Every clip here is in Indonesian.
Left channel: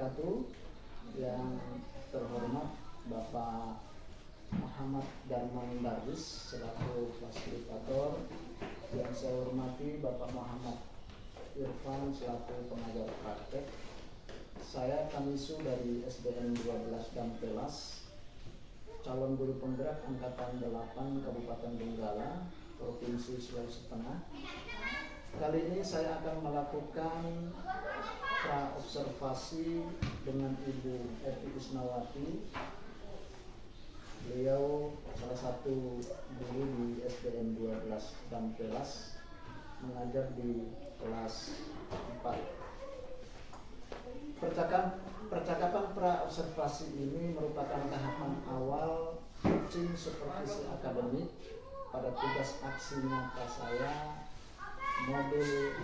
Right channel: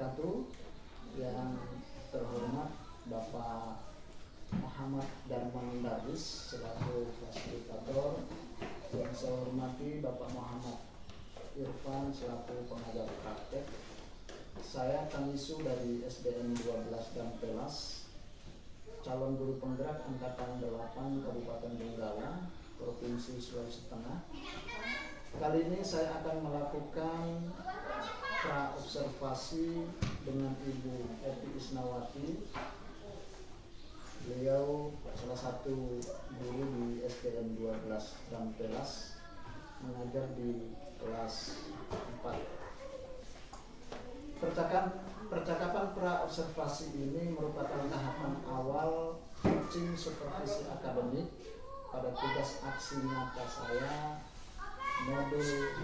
wabarakatuh. Yang terhormat Bapak Muhammad Darman Darwis selaku fasilitator, yang saya hormati Bapak Muhammad Irfan selaku pengajar praktek. Saya Kamisu dari SDN 12 Dampelas, calon guru penggerak angkatan 8 Kabupaten Donggala, Provinsi Sulawesi Tengah. Kali ini saya akan melakukan pra-observasi dengan Ibu Evi Isnawati. Beliau salah satu guru di SDN 12 Dampelas, mengajar di kelas 4. Percakapan pra-observasi ini merupakan tahapan awal coaching supervisi akademik pada tugas aksi nyata saya modul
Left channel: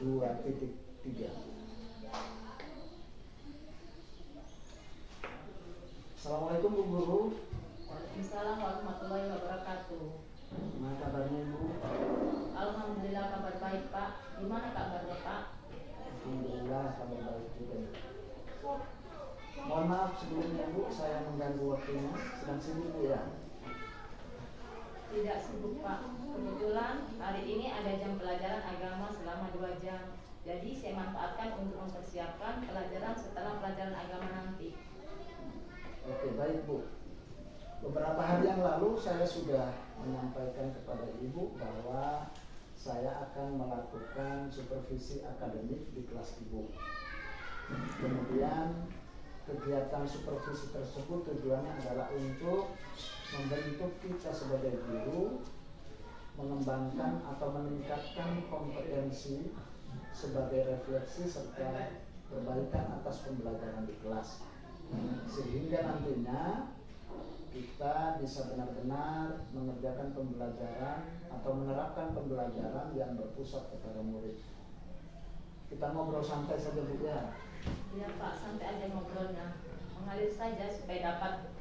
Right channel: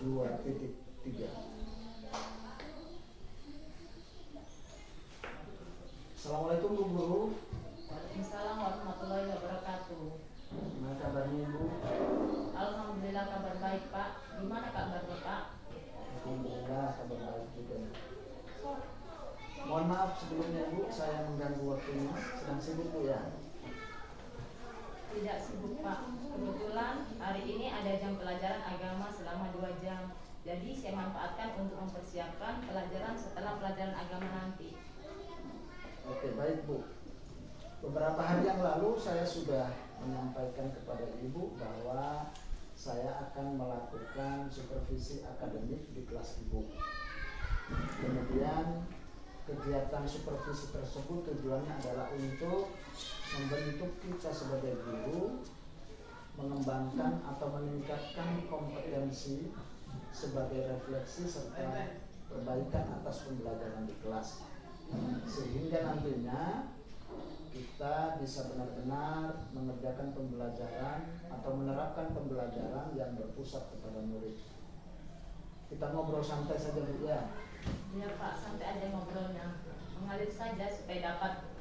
2.3. Assalamualaikum Bu Guru. Waalaikumsalam warahmatullahi wabarakatuh. Gimana kabarnya Ibu? Alhamdulillah kabar baik Pak. Gimana kabar Bapak? Alhamdulillah kabar baik juga. Mohon maaf sebelumnya Bu, saya mengganggu waktunya. Sedang sibuk Bu ya? Tidak sibuk Pak. Kebetulan hari ini ada jam pelajaran agama selama 2 jam. Jadi saya manfaatkan untuk mempersiapkan pelajaran setelah pelajaran agama nanti. Oke, baik Bu. Beberapa hari yang lalu saya sudah menyampaikan kepada Ibu bahwa saya akan melakukan supervisi akademik di kelas Ibu. Kemudian kegiatan supervisi tersebut tujuannya adalah untuk membentuk kita sebagai guru, mengembangkan atau meningkatkan kompetensi sebagai refleksi serta perbaikan atas pembelajaran di kelas, sehingga nantinya kita bisa benar-benar mengerjakan pembelajaran atau menerapkan pembelajaran yang berpusat kepada murid. Kita ngobrol santai saja Bu ya. Iya Pak, santai aja ngobrolnya. Mengalir saja supaya dapat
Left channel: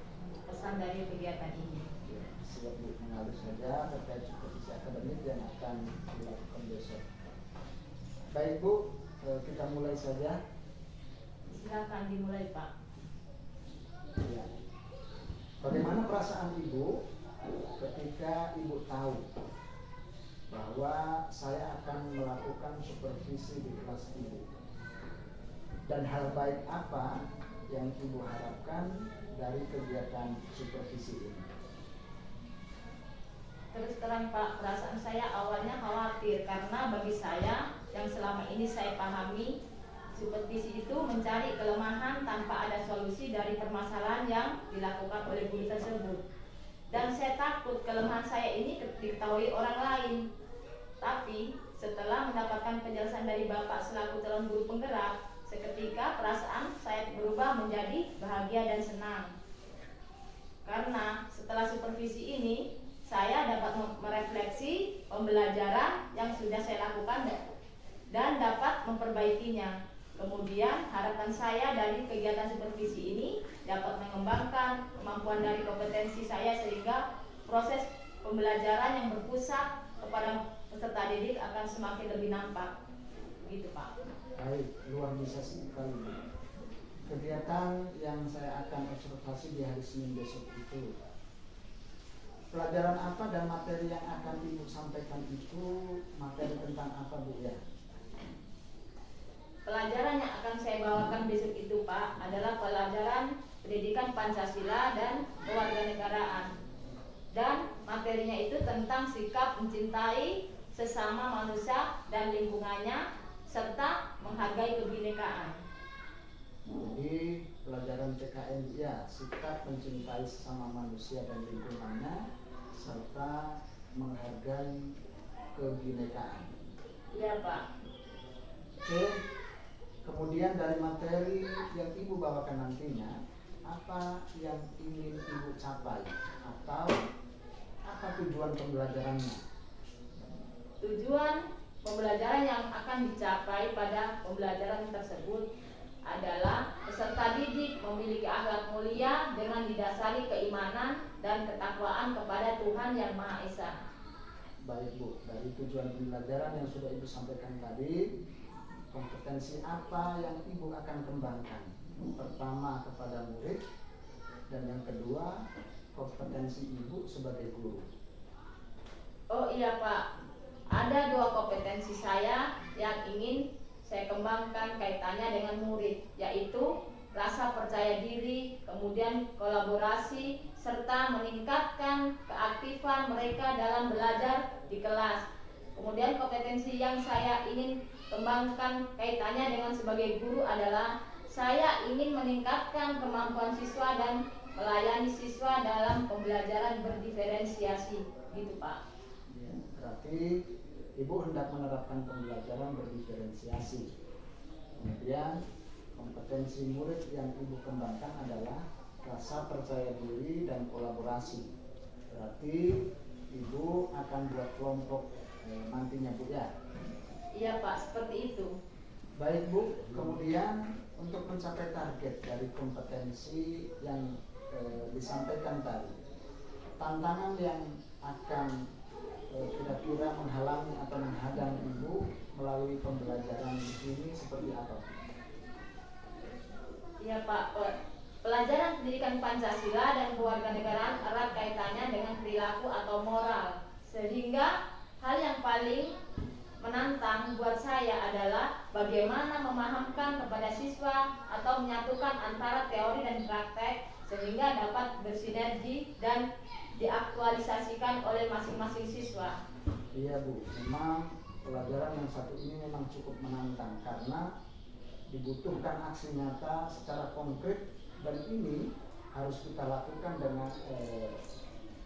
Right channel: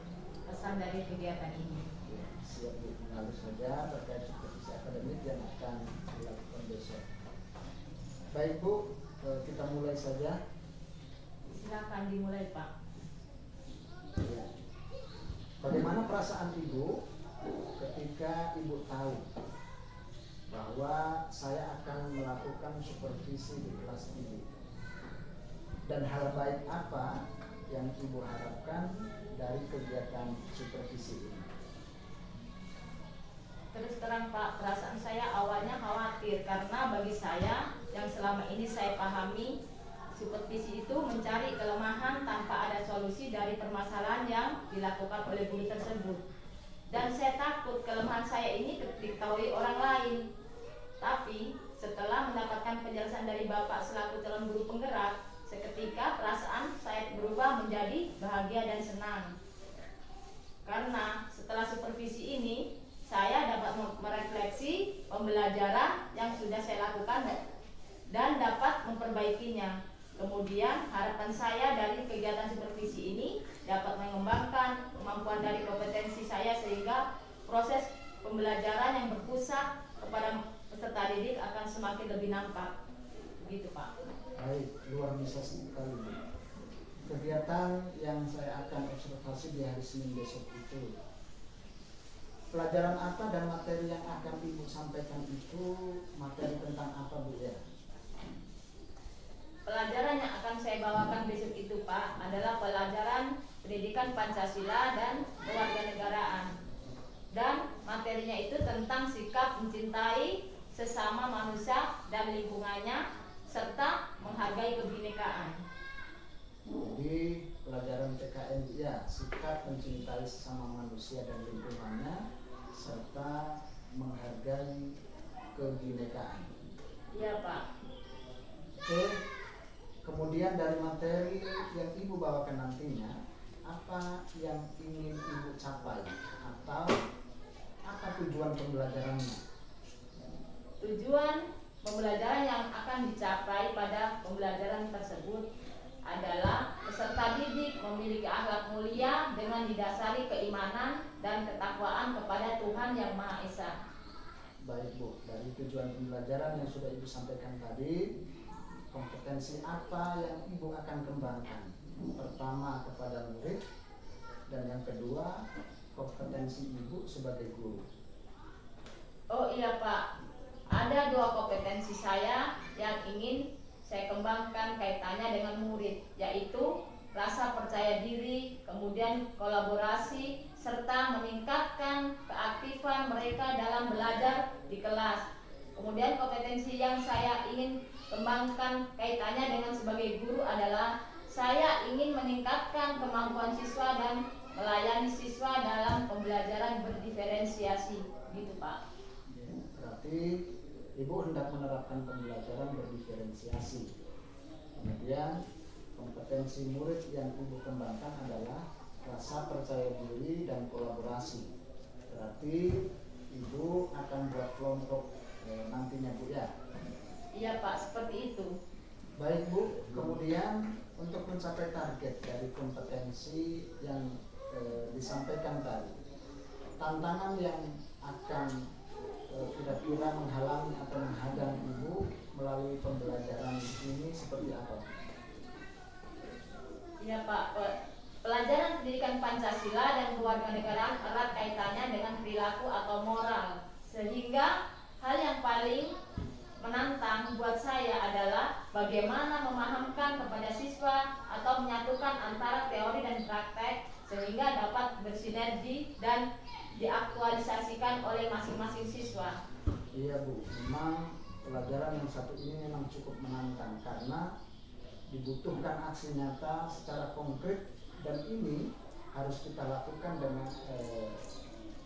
pesan dari kegiatan ini. Ya, siap Bu, mengalir saja terkait supervisi akademik yang akan dilakukan besok. Baik Bu, kita mulai saja. Silakan dimulai Pak. Ya. Bagaimana perasaan Ibu ketika Ibu tahu bahwa saya akan melakukan supervisi di kelas Ibu? Dan hal baik apa yang Ibu harapkan dari kegiatan supervisi ini? Terus terang Pak, perasaan saya awalnya khawatir karena bagi saya yang selama ini saya pahami, supervisi itu mencari kelemahan tanpa ada solusi dari permasalahan yang dilakukan oleh guru tersebut. Dan saya takut kelemahan saya ini diketahui orang lain. Tapi setelah mendapatkan penjelasan dari Bapak selaku calon guru penggerak, seketika perasaan saya berubah menjadi bahagia dan senang. Karena setelah supervisi ini, saya dapat merefleksi pembelajaran yang sudah saya lakukan dan dapat memperbaikinya. Kemudian harapan saya dari kegiatan supervisi ini dapat mengembangkan kemampuan dari kompetensi saya sehingga proses pembelajaran yang berpusat kepada peserta didik akan semakin lebih nampak. Begitu Pak. Baik, luar biasa sekali. Kegiatan yang saya akan observasi di hari Senin besok itu, pelajaran apa dan materi yang akan Ibu sampaikan itu materi tentang apa Bu ya? Pelajaran yang akan saya bawakan besok itu Pak adalah pelajaran pendidikan Pancasila dan kewarganegaraan. Dan materinya itu tentang sikap mencintai sesama manusia dan lingkungannya serta menghargai kebinekaan. Jadi pelajaran PKN ya, sikap mencintai sesama manusia dan lingkungannya serta menghargai kebinekaan. Iya Pak. Oke. Kemudian dari materi yang Ibu bawakan nantinya, apa yang ingin Ibu capai atau apa tujuan pembelajarannya? Tujuan pembelajaran yang akan dicapai pada pembelajaran tersebut adalah peserta didik memiliki akhlak mulia dengan didasari keimanan dan ketakwaan kepada Tuhan Yang Maha Esa. Baik Bu, dari tujuan pembelajaran yang sudah Ibu sampaikan tadi, kompetensi apa yang ibu akan kembangkan? Pertama kepada murid, dan yang kedua kompetensi ibu sebagai guru. Oh iya Pak, ada 2 kompetensi saya yang ingin saya kembangkan kaitannya dengan murid, yaitu rasa percaya diri, kemudian kolaborasi, serta meningkatkan keaktifan mereka dalam belajar di kelas. Kemudian kompetensi yang saya ingin kembangkan kaitannya dengan sebagai guru adalah saya ingin meningkatkan kemampuan siswa dan melayani siswa dalam pembelajaran berdiferensiasi, gitu Pak. Ya, berarti ibu hendak menerapkan pembelajaran berdiferensiasi. Kemudian kompetensi murid yang ibu kembangkan adalah rasa percaya diri dan kolaborasi. Berarti ibu akan buat kelompok nantinya Bu ya? Iya Pak, seperti itu. Baik Bu, kemudian untuk mencapai target dari kompetensi yang disampaikan tadi, tantangan yang akan kira-kira menghalangi atau menghadang ibu melalui pembelajaran ini seperti apa? Iya Pak, pelajaran pendidikan Pancasila dan kewarganegaraan erat kaitannya dengan perilaku atau moral, sehingga hal yang paling menantang buat saya adalah bagaimana memahamkan kepada siswa atau menyatukan antara teori dan praktek sehingga dapat bersinergi dan diaktualisasikan oleh masing-masing siswa. Iya Bu, memang pelajaran yang satu ini memang cukup menantang karena dibutuhkan aksi nyata secara konkret, dan ini harus kita lakukan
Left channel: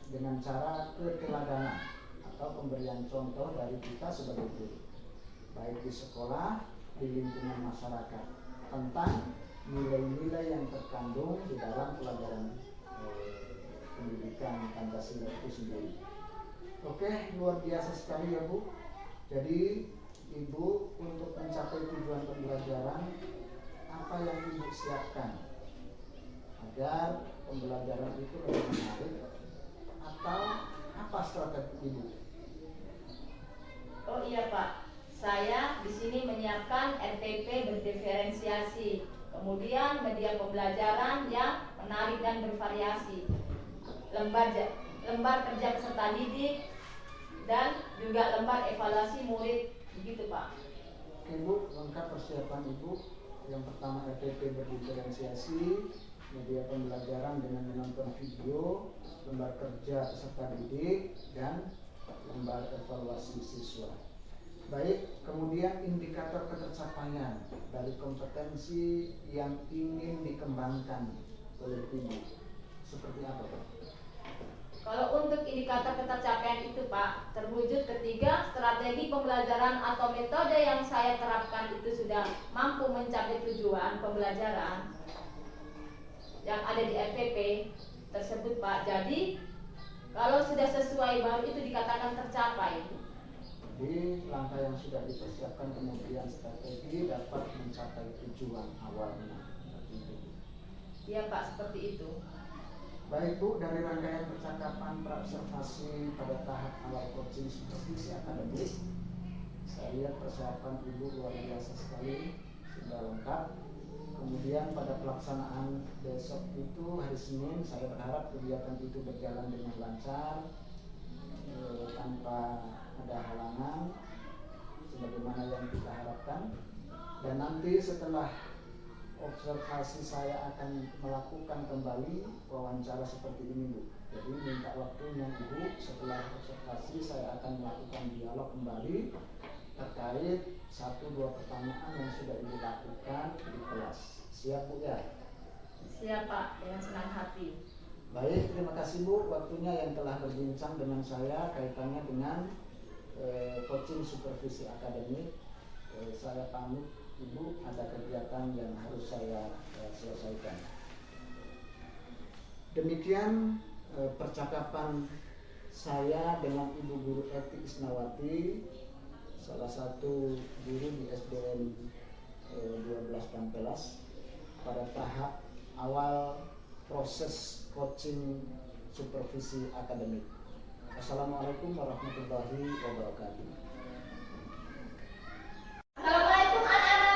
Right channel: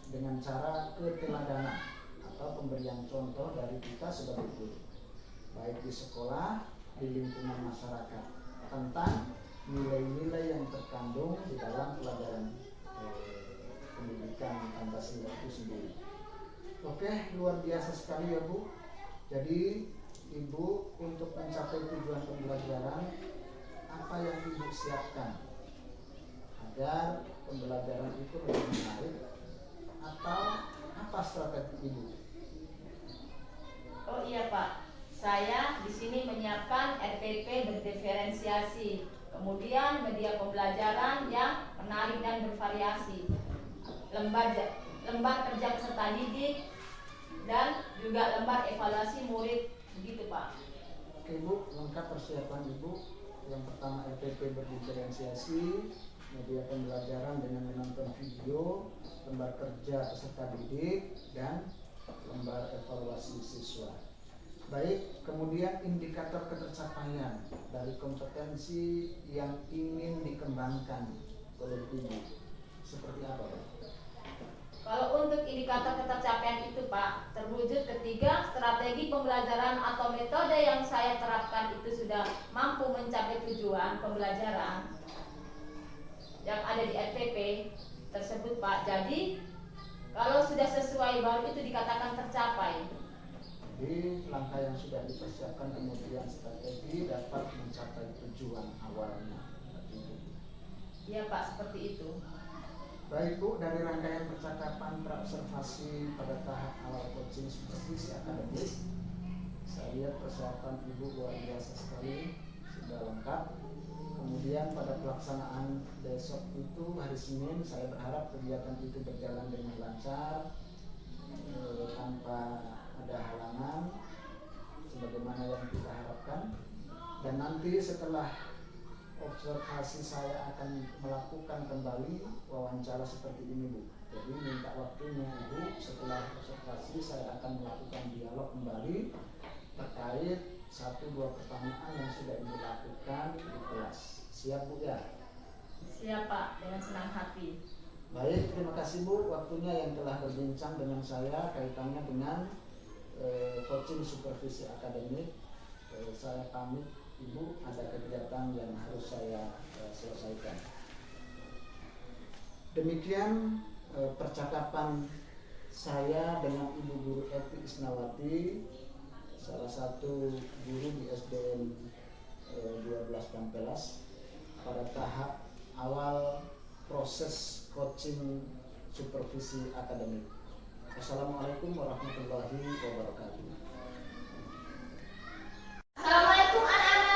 dengan cara keteladanan atau pemberian contoh dari kita sebagai guru, baik di sekolah, di lingkungan masyarakat, tentang nilai-nilai yang terkandung di dalam pelajaran pendidikan Pancasila itu sendiri. Oke, luar biasa sekali ya Bu. Jadi Ibu untuk mencapai tujuan pembelajaran, apa yang Ibu siapkan agar pembelajaran itu lebih menarik, atau apa strategi Ibu? Oh iya Pak, saya di sini menyiapkan RPP berdiferensiasi, kemudian media pembelajaran yang menarik dan bervariasi, lembar kerja peserta didik, dan juga lembar evaluasi murid, begitu Pak. Ibu, lengkap persiapan Ibu. Yang pertama RPP berdiferensiasi, media pembelajaran dengan menonton video, lembar kerja peserta didik, dan lembar evaluasi siswa. Baik, kemudian indikator ketercapaian dari kompetensi yang ingin dikembangkan oleh Ibu seperti apa Pak? Kalau untuk indikator ketercapaian itu Pak, terwujud ketiga strategi pembelajaran atau metode yang saya terapkan itu sudah mampu mencapai tujuan pembelajaran yang ada di RPP tersebut Pak. Jadi kalau sudah sesuai baru itu dikatakan tercapai. Jadi langkah yang sudah dipersiapkan kemudian strategi dapat mencapai tujuan awalnya. Iya Pak, seperti itu. Baik Bu, dari rangkaian percakapan praobservasi pada tahap awal coaching supervisi akademik, saya lihat persiapan Ibu luar biasa sekali, sudah lengkap. Kemudian pada pelaksanaan besok itu hari Senin, saya berharap kegiatan itu berjalan dengan lancar, tanpa ada halangan sebagaimana yang kita harapkan. Dan nanti setelah observasi saya akan melakukan kembali wawancara seperti ini Bu. Jadi minta waktunya Ibu, setelah observasi saya akan melakukan dialog kembali terkait 1-2 pertanyaan yang sudah Ibu lakukan di kelas. Siap Bu ya? Siap Pak, dengan senang hati. Baik, terima kasih Bu waktunya yang telah berbincang dengan saya kaitannya dengan coaching supervisi akademik. Saya pamit Ibu, ada kegiatan yang harus saya selesaikan. Demikian percakapan saya dengan Ibu Guru Eti Isnawati, salah satu guru di SDN 12 Kampelas pada tahap awal proses coaching supervisi akademik. Assalamualaikum warahmatullahi wabarakatuh. Assalamualaikum anak-anak.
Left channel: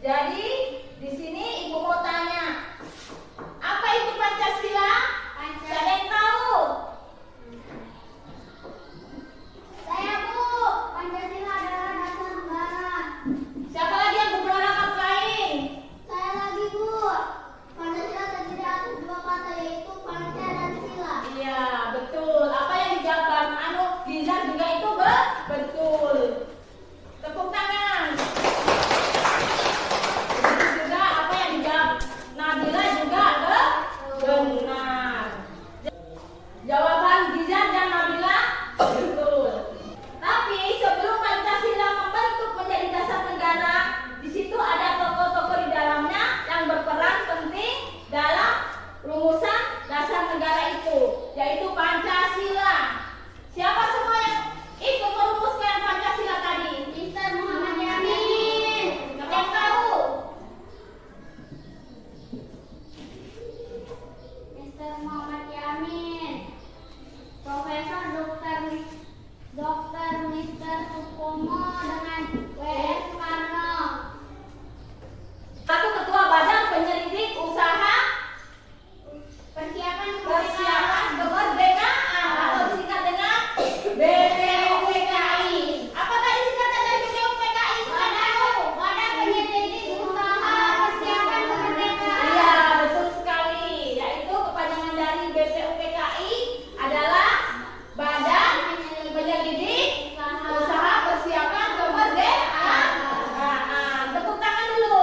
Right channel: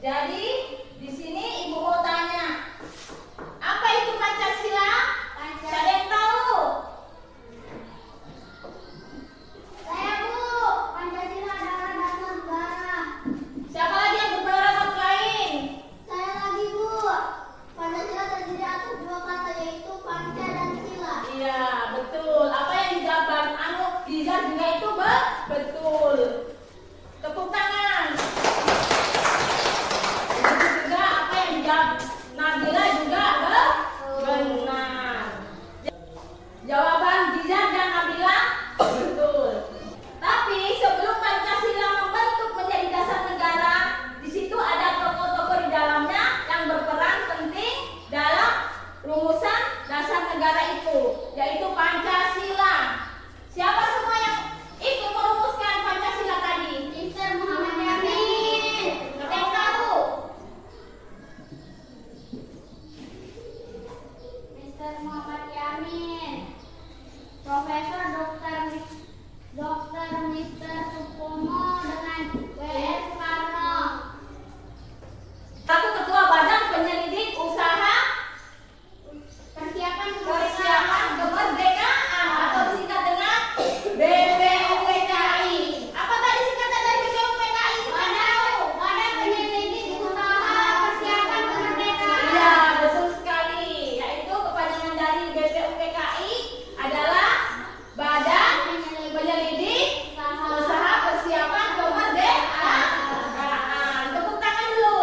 Jadi di sini Ibu mau tanya, apa itu Pancasila? Siapa yang tahu? Saya Bu, Pancasila adalah dasar negara. Siapa lagi yang berpendapat lain? Saya lagi Bu, Pancasila terdiri atas dua kata yaitu panca dan sila. Iya, betul. Apa yang dijawab Dizar juga itu betul. Tepuk tangan. Betul juga apa yang dijawab Nabila juga benar. Jawaban Dizar dan Nabila betul. Tapi sebelum Pancasila membentuk menjadi dasar negara, di situ ada tokoh-tokoh di dalamnya yang berperan penting dalam rumusan dasar negara itu, yaitu Pancasila. Siapa semua yang ikut merumuskan Pancasila tadi? Mr. Muhammad Yamin. Siapa yang tahu? Mr. Muhammad Yamin. Profesor Dr. Mr. Supomo dengan W.S. Soekarno. Satu ketua Badan Penyelidik Usaha Persiapan Kemerdekaan atau disingkat dengan BPUPKI. Apa tadi singkatan dari BPUPKI? Badan Penyelidik Usaha Persiapan Kemerdekaan. Iya, betul sekali. Yaitu kepanjangan dari BPUPKI adalah Badan Penyelidik Usaha Persiapan Kemerdekaan. Tepuk tangan dulu.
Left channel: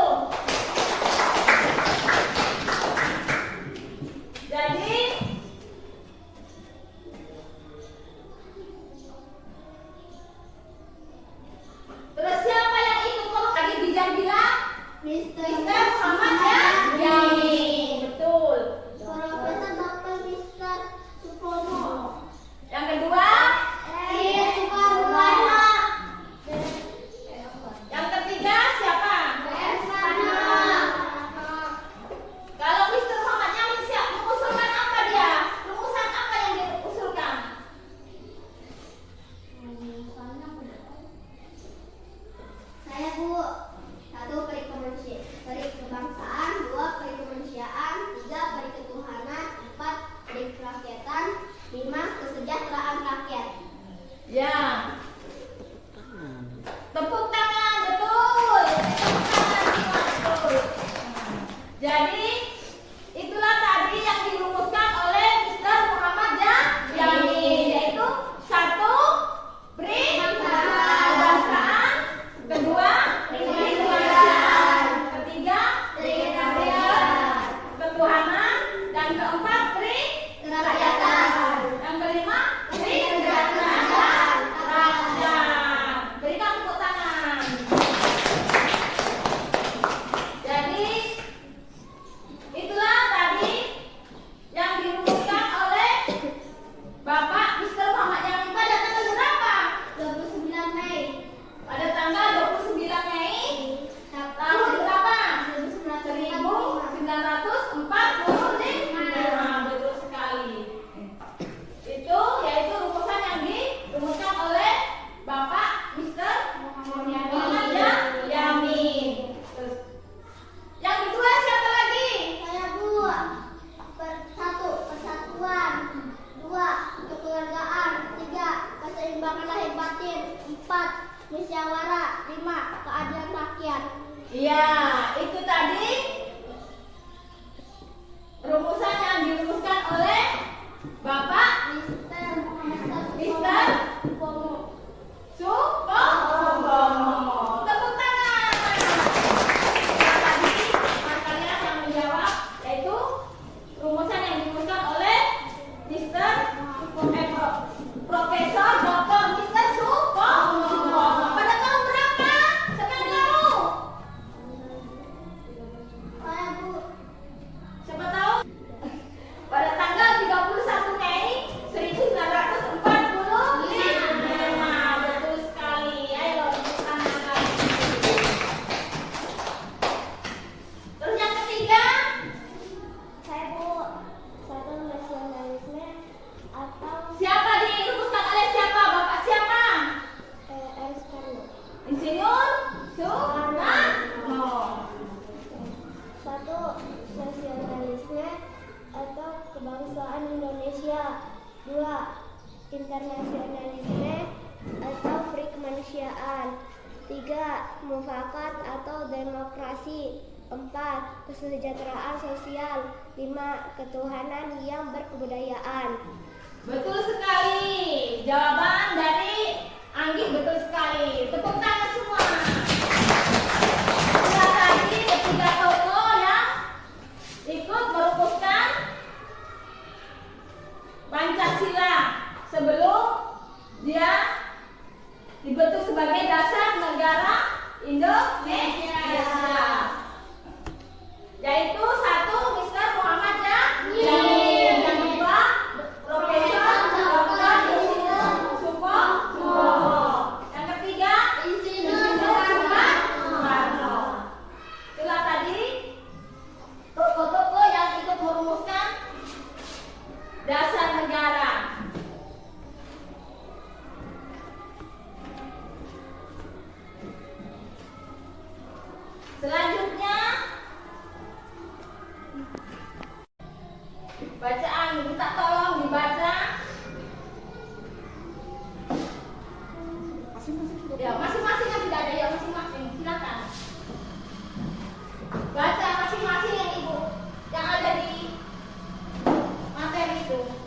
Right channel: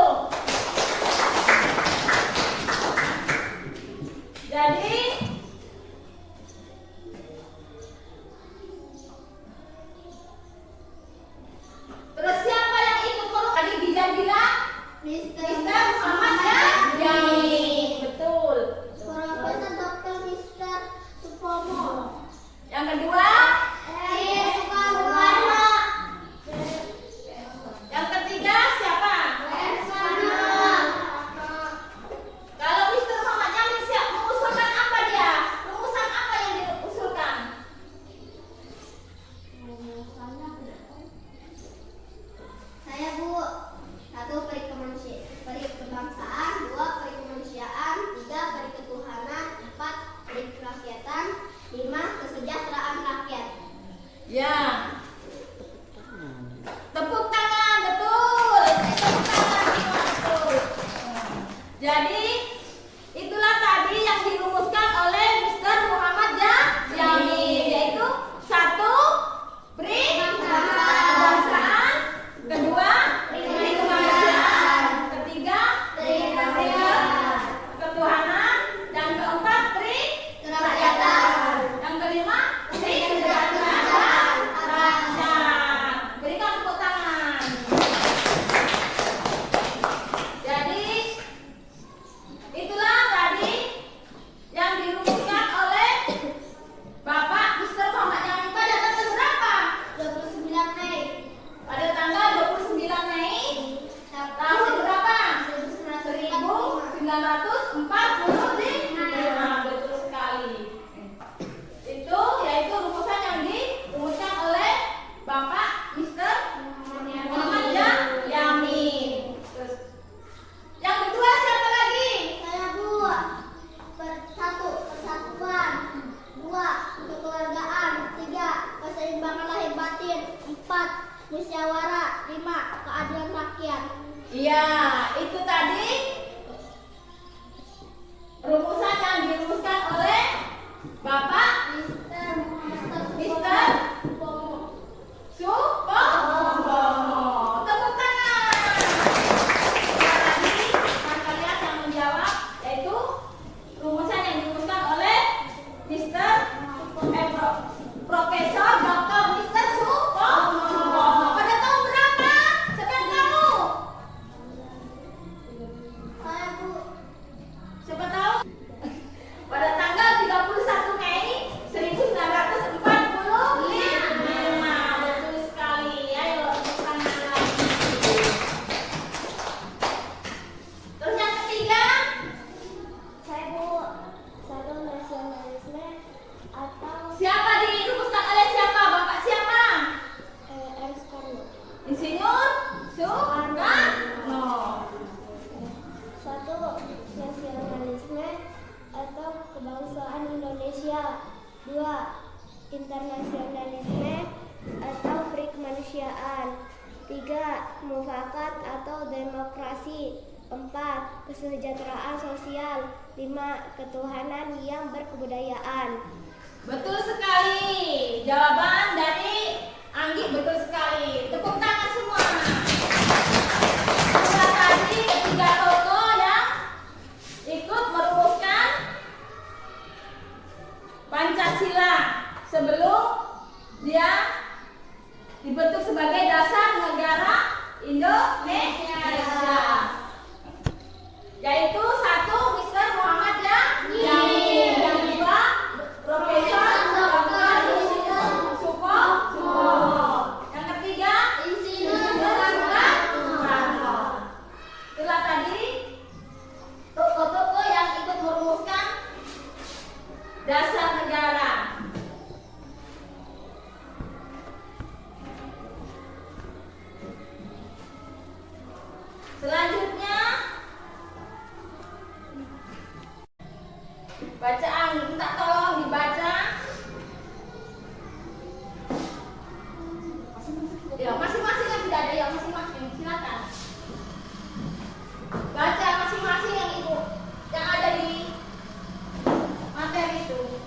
Jadi terus siapa yang ikut tadi Dizar bilang? Mr. Muhammad Yamin. Betul. Profesor Dr. Mr. Supomo. Yang kedua, Soekarno. yang ketiga siapa? Soekarno. Kalau Mr. Muhammad Yamin siap mengusulkan apa dia? Rumusan apa yang diusulkan? Saya Bu, 1 peri kebangsaan, 2 peri kemanusiaan, 3 peri ketuhanan, 4 peri kerakyatan, 5 kesejahteraan rakyat. Ya. Tepuk tangan, betul. Betul. Jadi itulah tadi yang dirumuskan oleh Mr. Muhammad Yamin, yaitu 1 peri kebangsaan, kedua peri kemanusiaan, ketiga peri ketuhanan, dan keempat peri kerakyatan, yang kelima peri kesejahteraan rakyat. Berikan tepuk tangan. Jadi itulah tadi yang dirumuskan oleh Bapak Mr. Muhammad Yamin pada tanggal berapa? 29 Mei Pada tanggal 29 Mei tahun berapa? 1945. Betul sekali. Itu yaitu rumusan yang dirumuskan oleh Bapak Mr. Muhammad Yamin. Terus, yang kedua siapa lagi? Saya Bu, 1 persatuan, 2 kekeluargaan, 3 keseimbangan lahir batin, 4 musyawarah, 5 keadilan rakyat. Iya, itu tadi rumusan yang dirumuskan oleh Bapak Mr. Supomo. Tepuk tangan. Nah, tadi kalian yang menjawab yaitu rumusan yang dirumuskan oleh Profesor Dr. Mr. Supomo. Pada tahun berapa? Siapa yang tahu? Saya Bu, Siapa tahu? Pada tanggal 31 Mei 1945. Betul sekali. Ayo tepuk tangan lagi. Terus yang ketiga, saya Bu, 1 nasionalisme atau siapa dirumuskan oleh siapa? Bapak siapa? R. Soekarno. Insinyur Soekarno. kebangsaan Indonesia. 2. Internasionalisme atau free kemanusiaan. 3. Mufakat atau demokrasi. 4. Kesejahteraan sosial. 5. Ketuhanan yang berkebudayaan. Betul sekali. Jawaban dari Anggi betul sekali. Tepuk tangan semua. Nah, tadi ketiga tokoh yang ikut merumuskan Pancasila sebelum dia dibentuk sebagai dasar negara Indonesia. Yaitu 1. Mr. Muhammad Yamin, yang 2 Profesor Dr. Supomo, yang ketiga Insinyur Soekarno. Itulah tadi tokoh-tokoh yang ikut merumuskan dasar negara. Selanjutnya bacaan, minta tolong dibaca. Ya, masing-masing yang tidak ada, ya masing-masing. Silakan. Baca masing-masing yang ibu yang ada di materi itu.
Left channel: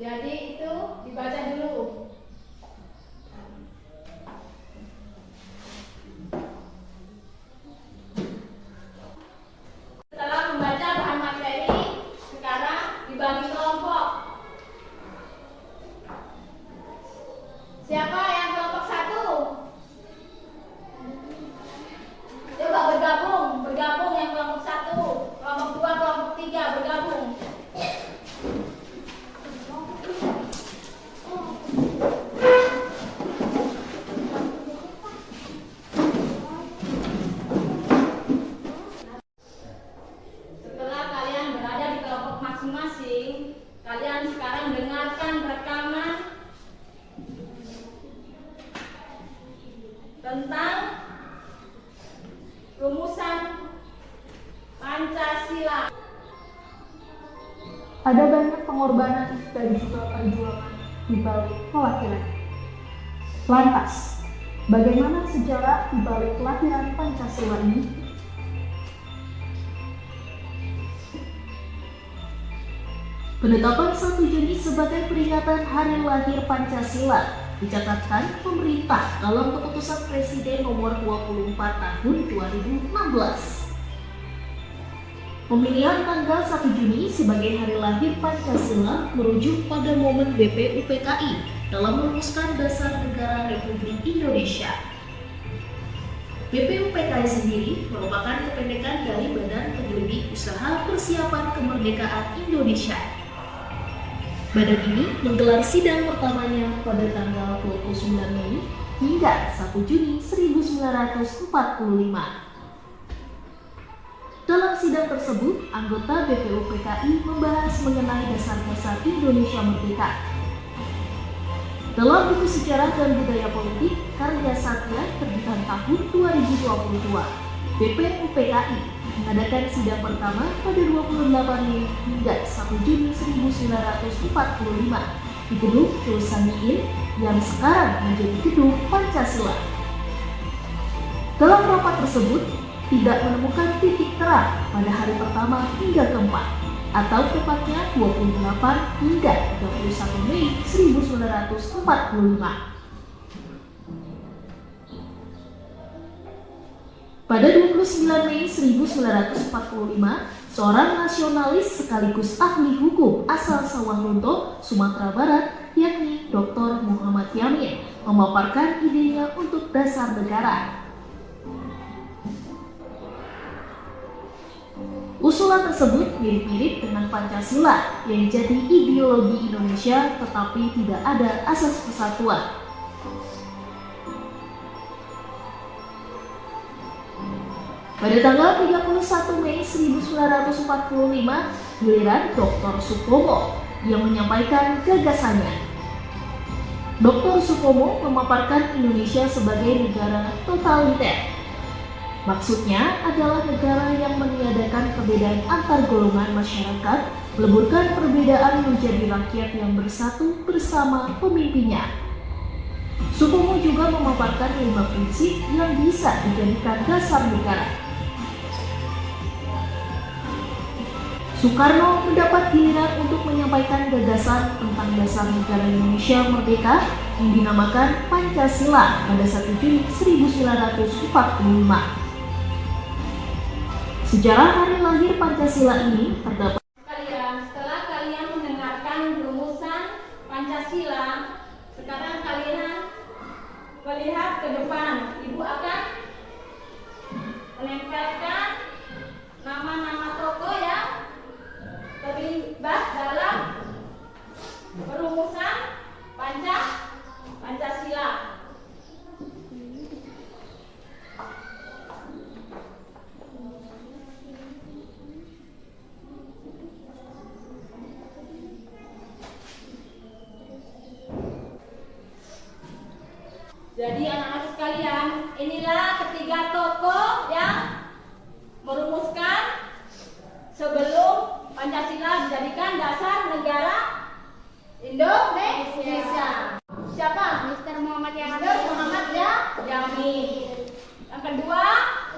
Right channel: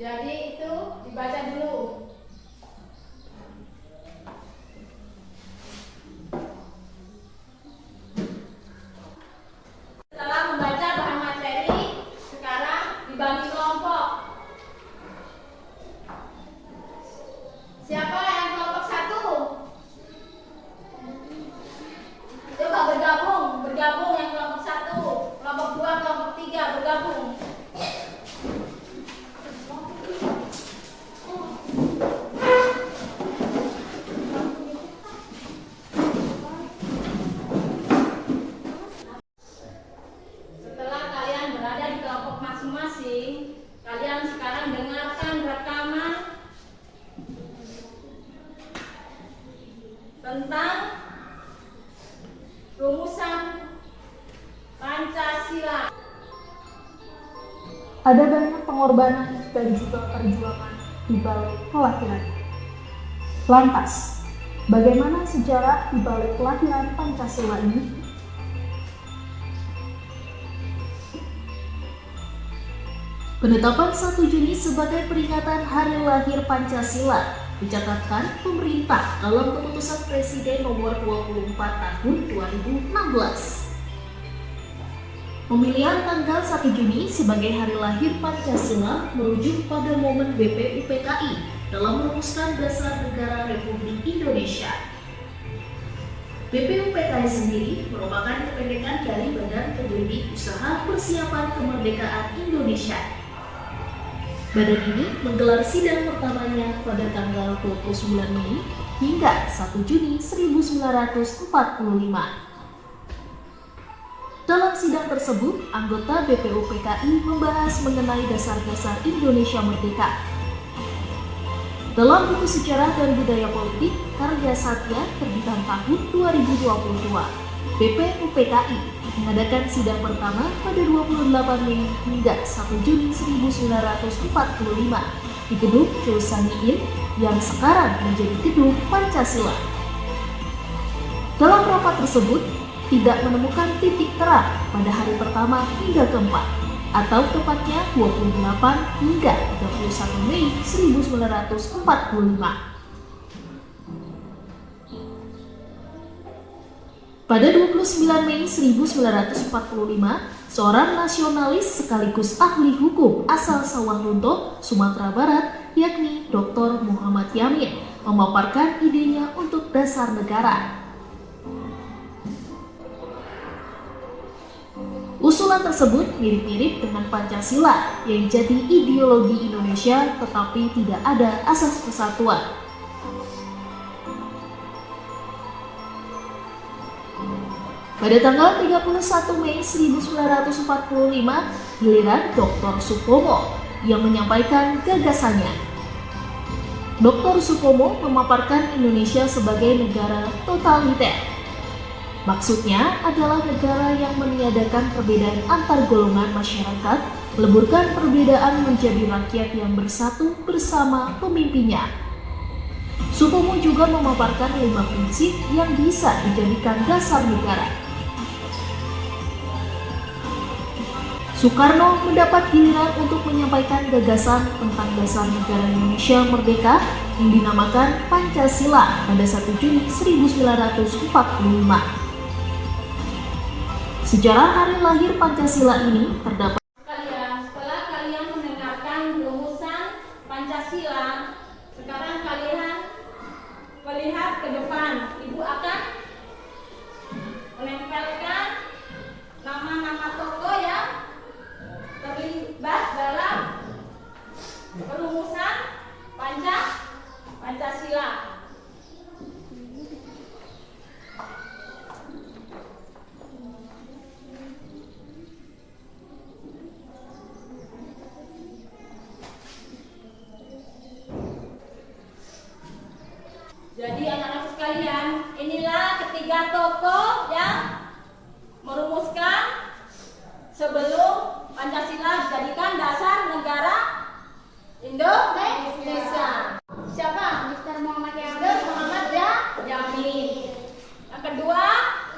Jadi itu dibaca dulu. Setelah membaca bahan materi, sekarang dibagi kelompok. Siapa yang kelompok 1? Coba bergabung yang kelompok 1, kelompok 2, kelompok 3 bergabung. Setelah kalian berada di kelompok masing-masing, kalian sekarang dengarkan rekaman tentang rumusan Pancasila. Ada banyak pengorbanan dan juga perjuangan di balik kelahiran. Lantas, bagaimana sejarah di balik kelahiran Pancasila ini? Penetapan 1 Juni sebagai peringatan Hari Lahir Pancasila dicatatkan pemerintah dalam Keputusan Presiden Nomor 24 Tahun 2016. Pemilihan tanggal 1 Juni sebagai Hari Lahir Pancasila merujuk pada momen BPUPKI dalam merumuskan Dasar Negara Republik Indonesia. BPUPKI sendiri merupakan kependekan dari Badan Pendiri Usaha Persiapan Kemerdekaan Indonesia. Badan ini menggelar sidang pertamanya pada tanggal 29 Mei hingga 1 Juni 1945. Dalam sidang tersebut, anggota BPUPKI membahas mengenai dasar-dasar Indonesia Merdeka. Dalam buku Sejarah dan Budaya Politik karya Satya terbitan tahun 2022, BPUPKI mengadakan sidang pertama pada 28 Mei hingga 1 Juni 1945 di Gedung Chulsaniin yang sekarang menjadi Gedung Pancasila. Dalam rapat tersebut, tidak menemukan titik terang pada hari pertama hingga keempat, atau tepatnya 28 hingga 31 Mei 1945. Pada 29 Mei 1945, seorang nasionalis sekaligus ahli hukum asal Sawalunto, Sumatera Barat, yakni Dr. Muhammad Yamin, memaparkan idenya untuk dasar negara. Usulan Usulan tersebut mirip-mirip dengan Pancasila yang jadi ideologi Indonesia tetapi tidak ada asas kesatuan. Pada tanggal 31 Mei 1945, giliran Dr. Supomo yang menyampaikan gagasannya. Dr. Supomo memaparkan Indonesia sebagai negara totaliter. Maksudnya adalah negara yang meniadakan perbedaan antar golongan masyarakat, meleburkan perbedaan menjadi rakyat yang bersatu bersama pemimpinnya. Supomo juga memaparkan 5 prinsip yang bisa dijadikan dasar negara. Soekarno mendapat giliran untuk menyampaikan gagasan tentang dasar negara Indonesia merdeka yang dinamakan Pancasila pada 1 Juni 1945. Sejarah hari lahir Pancasila ini terdapat. Setelah kalian mendengarkan rumusan Pancasila, sekarang kalian melihat ke depan. Ibu akan menempelkan nama-nama tokoh yang terlibat dalam perumusan Pancasila. Jadi anak-anak sekalian, inilah ketiga tokoh yang merumuskan sebelum Pancasila dijadikan dasar negara Indonesia. Siapa? Mr. Muhammad Mr. Muhammad Yamin. Yang kedua,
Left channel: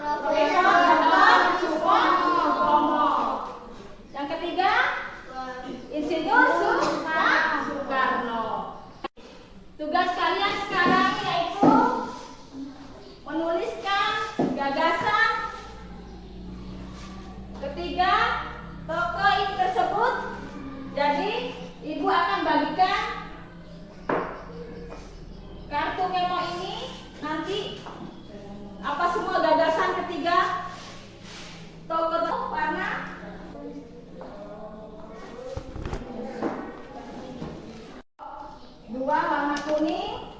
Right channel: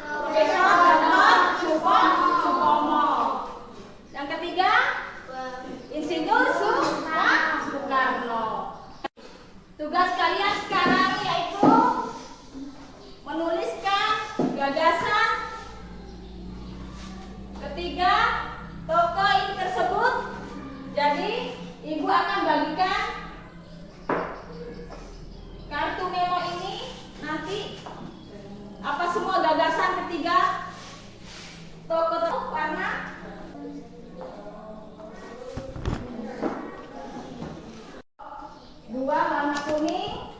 Profesor Dr. Supomo. Yang ketiga, Insinyur Soekarno. Tugas kalian sekarang yaitu menuliskan gagasan ketiga tokoh ini tersebut. Jadi ibu akan bagikan kartu memo ini nanti apa semua gagasan ketiga tokoh warna dua warna kuning,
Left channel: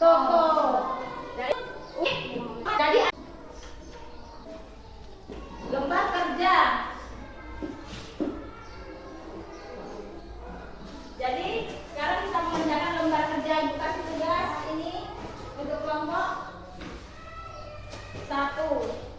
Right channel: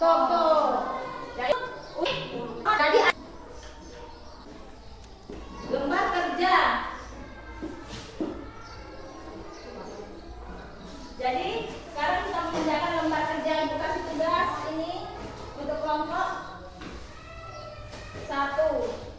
toko. Jadi lembar kerja. Jadi sekarang kita mengerjakan lembar kerja. Ibu kasih tugas ini untuk kelompok 1.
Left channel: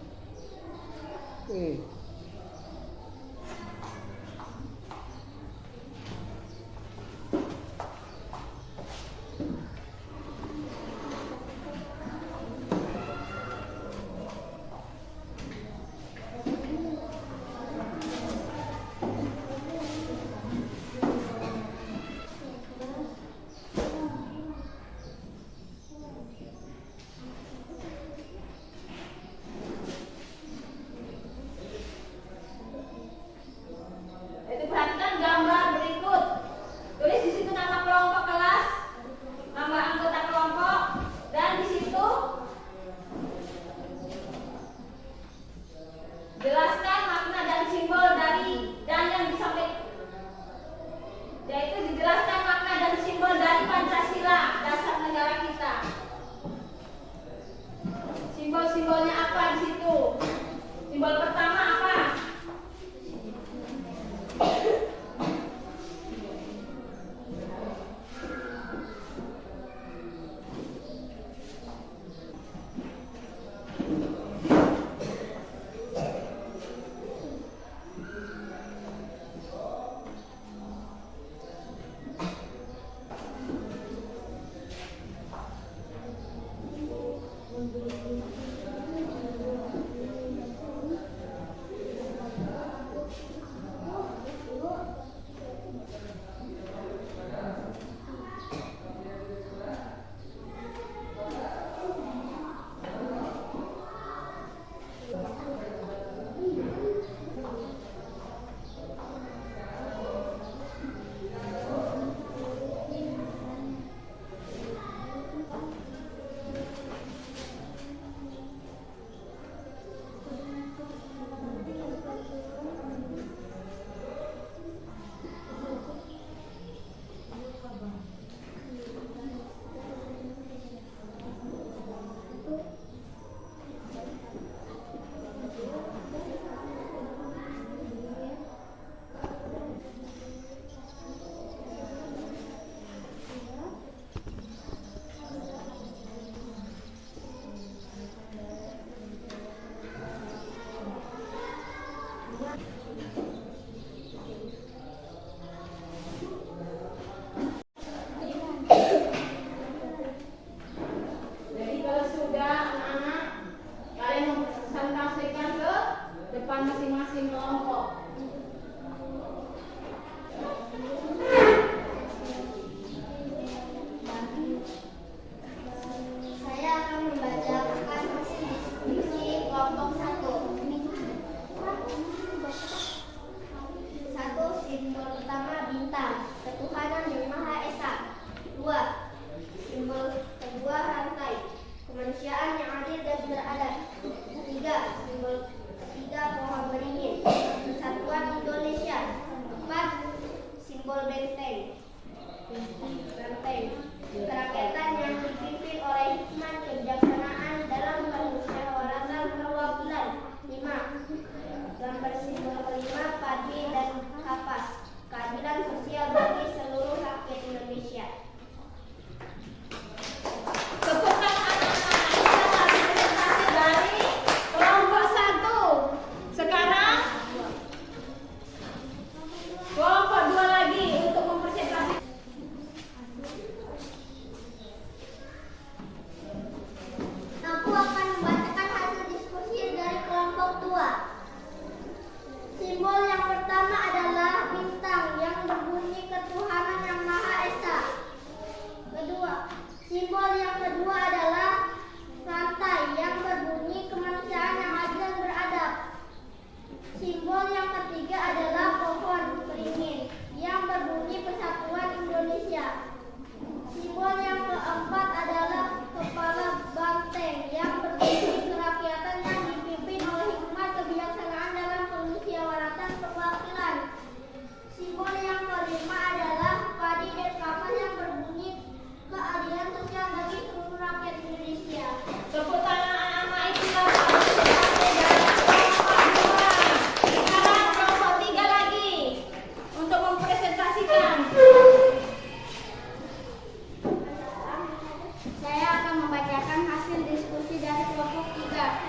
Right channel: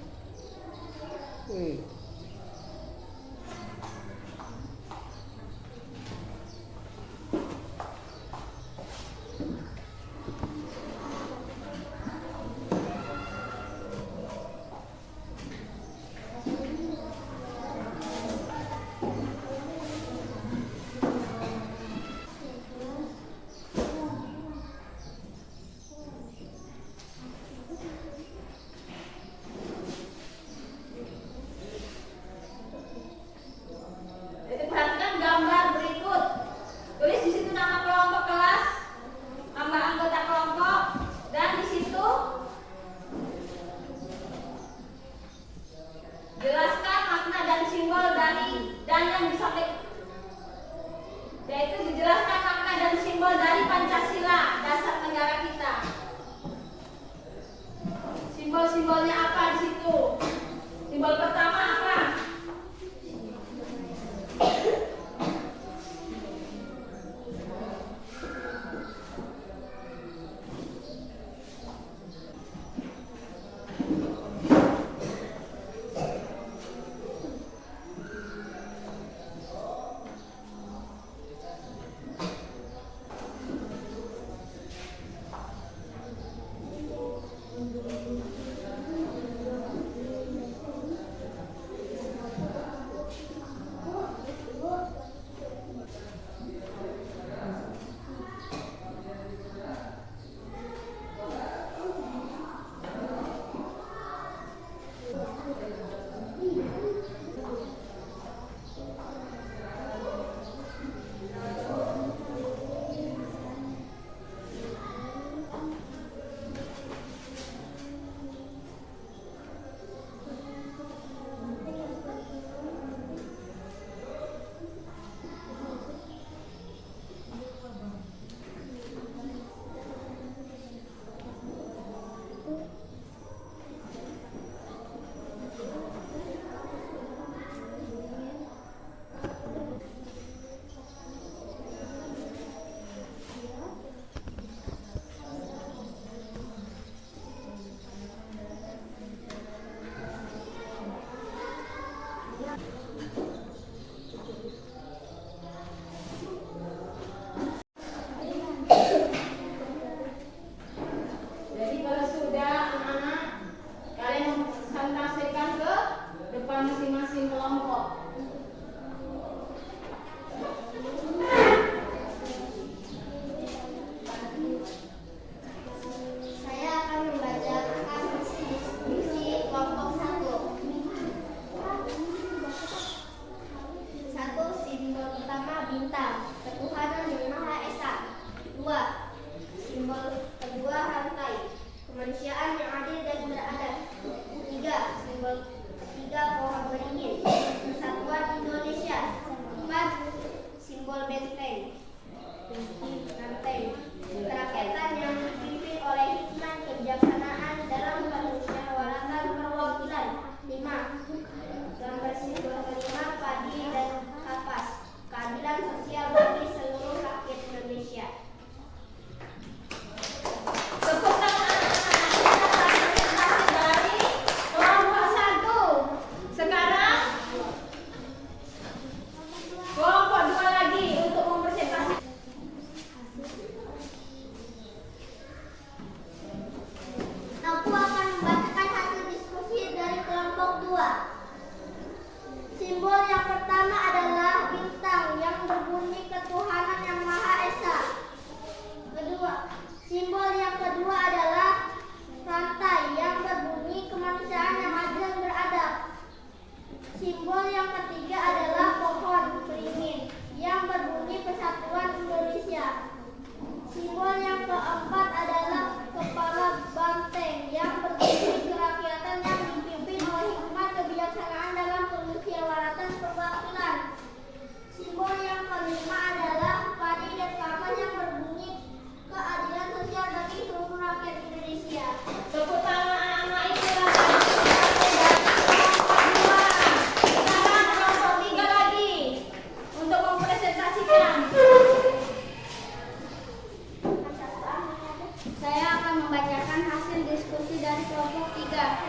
Saya akan membacakan hasil diskusi dari kelompok 3.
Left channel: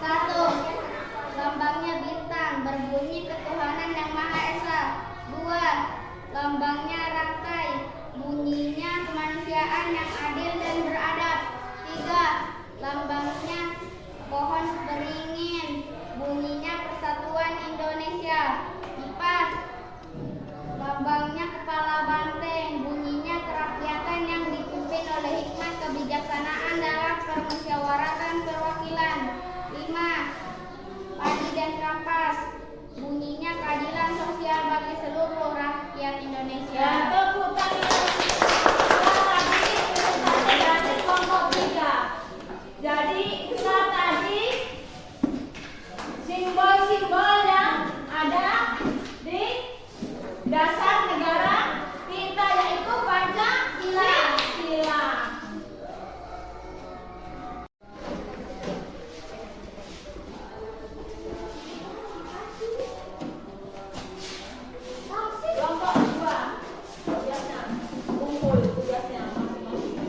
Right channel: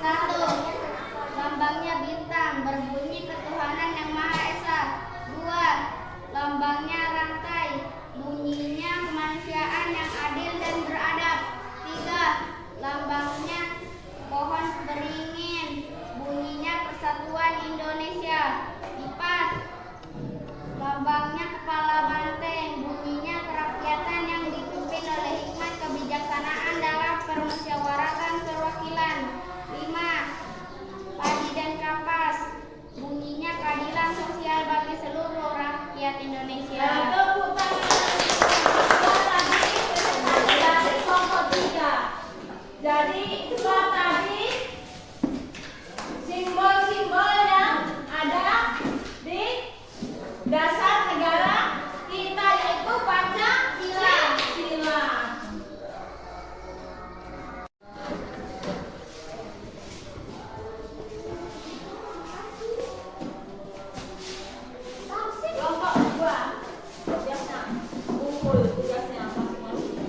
1. Lambangnya bintang, berbunyi ketuhanan yang Maha Esa. 2. Lambangnya rantai, bunyinya kemanusiaan yang adil dan beradab. 3. Lambangnya pohon beringin, bunyinya persatuan Indonesia. 4. Lambangnya kepala banteng, bunyinya kerakyatan yang dipimpin oleh hikmat kebijaksanaan dalam permusyawaratan perwakilan. 5. Padi dan kapas, bunyinya keadilan sosial bagi seluruh rakyat Indonesia. Tepuk tangan dari kelompok 3. Jadi itulah tadi simbol-simbol yang ada di dasar negara kita, yaitu Pancasila. Kelompok 2 tugasnya kumpul tugasnya masing-masing.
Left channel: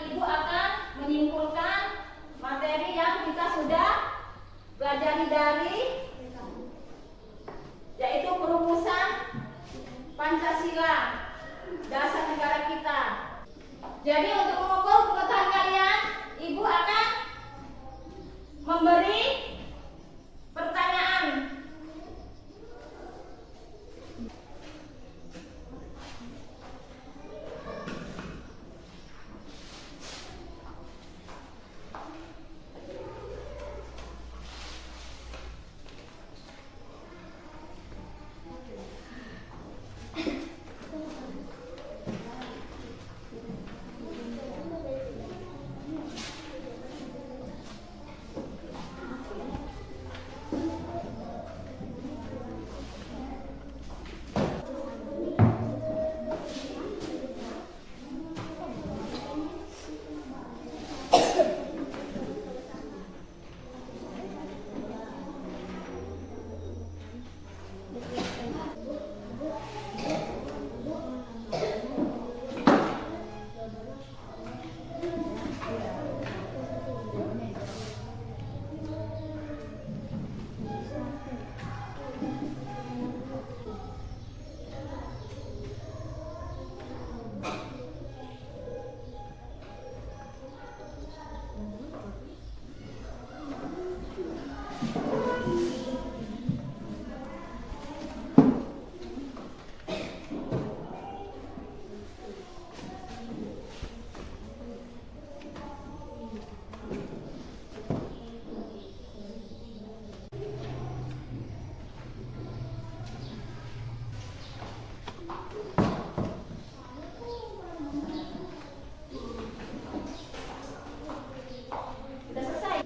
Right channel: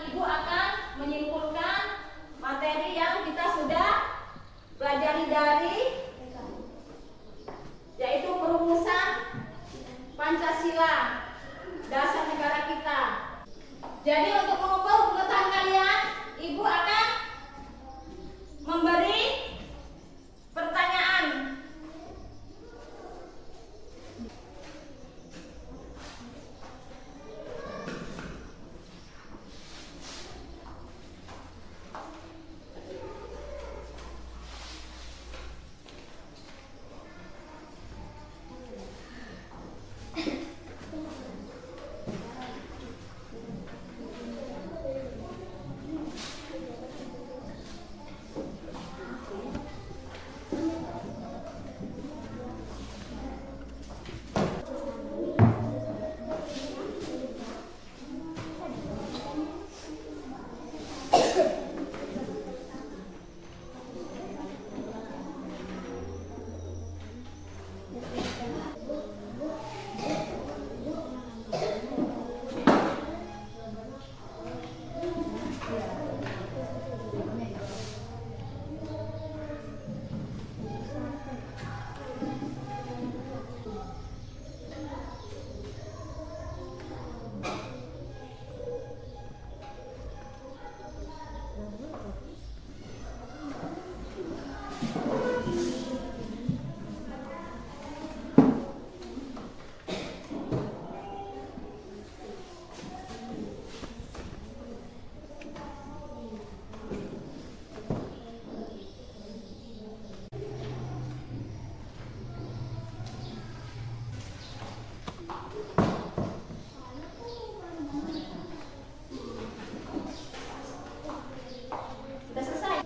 Ibu akan menyimpulkan materi yang kita sudah pelajari dari, yaitu perumusan Pancasila, dasar negara kita. Jadi untuk mengukur pengetahuan kalian, Ibu akan memberi pertanyaan. Sudah selesai.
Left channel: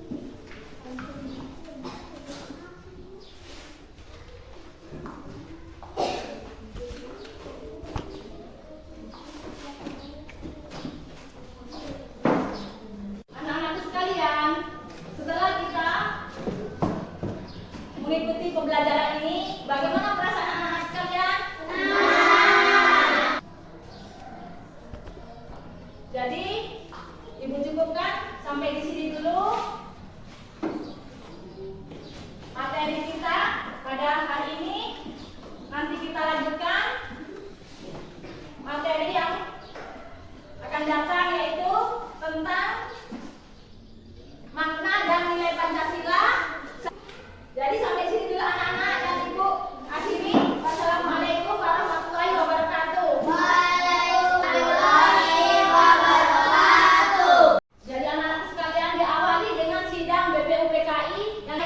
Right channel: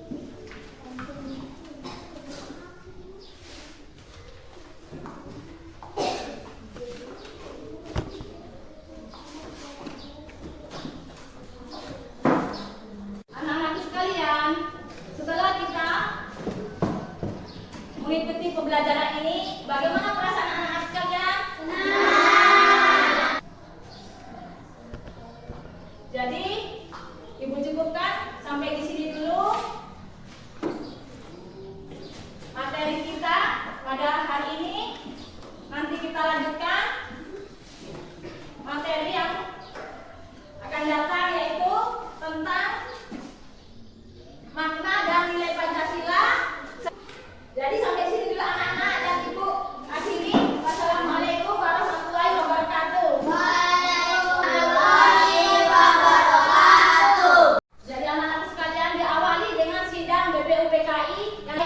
Anak-anakku sekalian, setelah kita mengikuti pembelajaran ini, bagaimana perasaan anak-anak sekalian? Jadi, Ibu cukupkan sampai di sini dulu materi kita pada hari ini. Nanti kita lanjutkan materi yang akan datang, yaitu tentang makna dan nilai Pancasila. Jadi sampai sini dulu anak-anak, dan Ibu akhiri. Wassalamualaikum warahmatullahi wabarakatuh. Jadi anak-anak sekalian, diawali dengan sidang BPUPKI yang